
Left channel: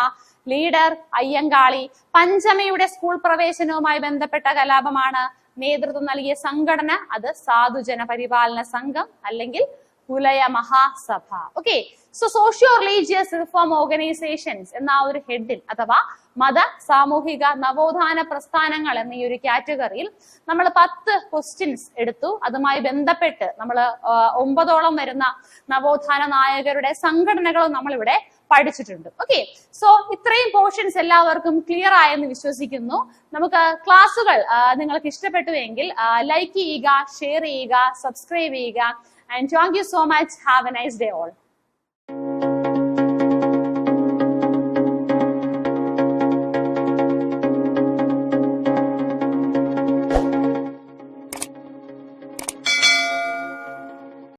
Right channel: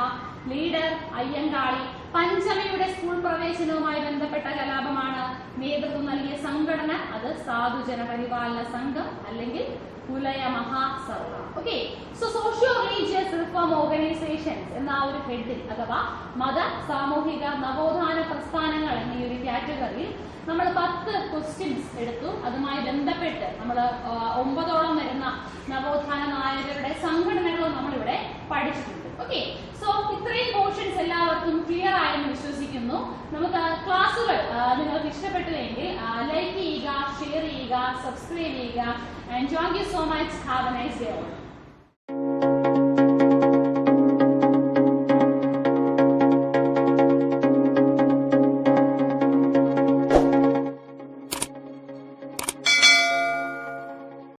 ലീഡർ അയ്യങ്കാളി. പഞ്ചമിയുടെ സ്കൂൾ പ്രവേശനവുമായി ബന്ധപ്പെട്ട കലാപമാണ്. നേതൃത്വം നൽകിയ സംഘടന അത് സാധുജന പരിപാലന സംഘം അല്ലെങ്കിൽ Pulaya Mahasabha. Okay, so socio religious reform organisations എന്ന ഒരു ഹെഡിൽ അഥവാ മത സാമൂഹിക നവോത്ഥാന പ്രസ്ഥാനങ്ങൾ എന്ന ഈ ഒരു കാറ്റഗറിയിൽ നമ്മൾ 10 ക്വസ്റ്റ്യൻസ് എടുത്തു. അതുമായി ബന്ധപ്പെട്ട് നമ്മൾ 9ഓളം വരുന്ന നവോത്ഥാന നായകരുടെ സംഘടനകളും നമ്മളിവിടെ പഠിച്ചിട്ടുണ്ട്. ഓക്കെ, സോ ഇത്രയും പോർഷൻസ് എല്ലാവർക്കും ക്ലിയർ ആയെന്ന് വിശ്വസിക്കുന്നു. നമുക്ക് ക്ലാസ്സുകൾ നിങ്ങൾക്ക് ഇഷ്ടപ്പെട്ടുവെങ്കിൽ ലൈക്ക് ചെയ്യുക, ഷെയർ ചെയ്യുക, സബ്സ്ക്രൈബ് ചെയ്യുക. And thank you so much. Have a nice day all.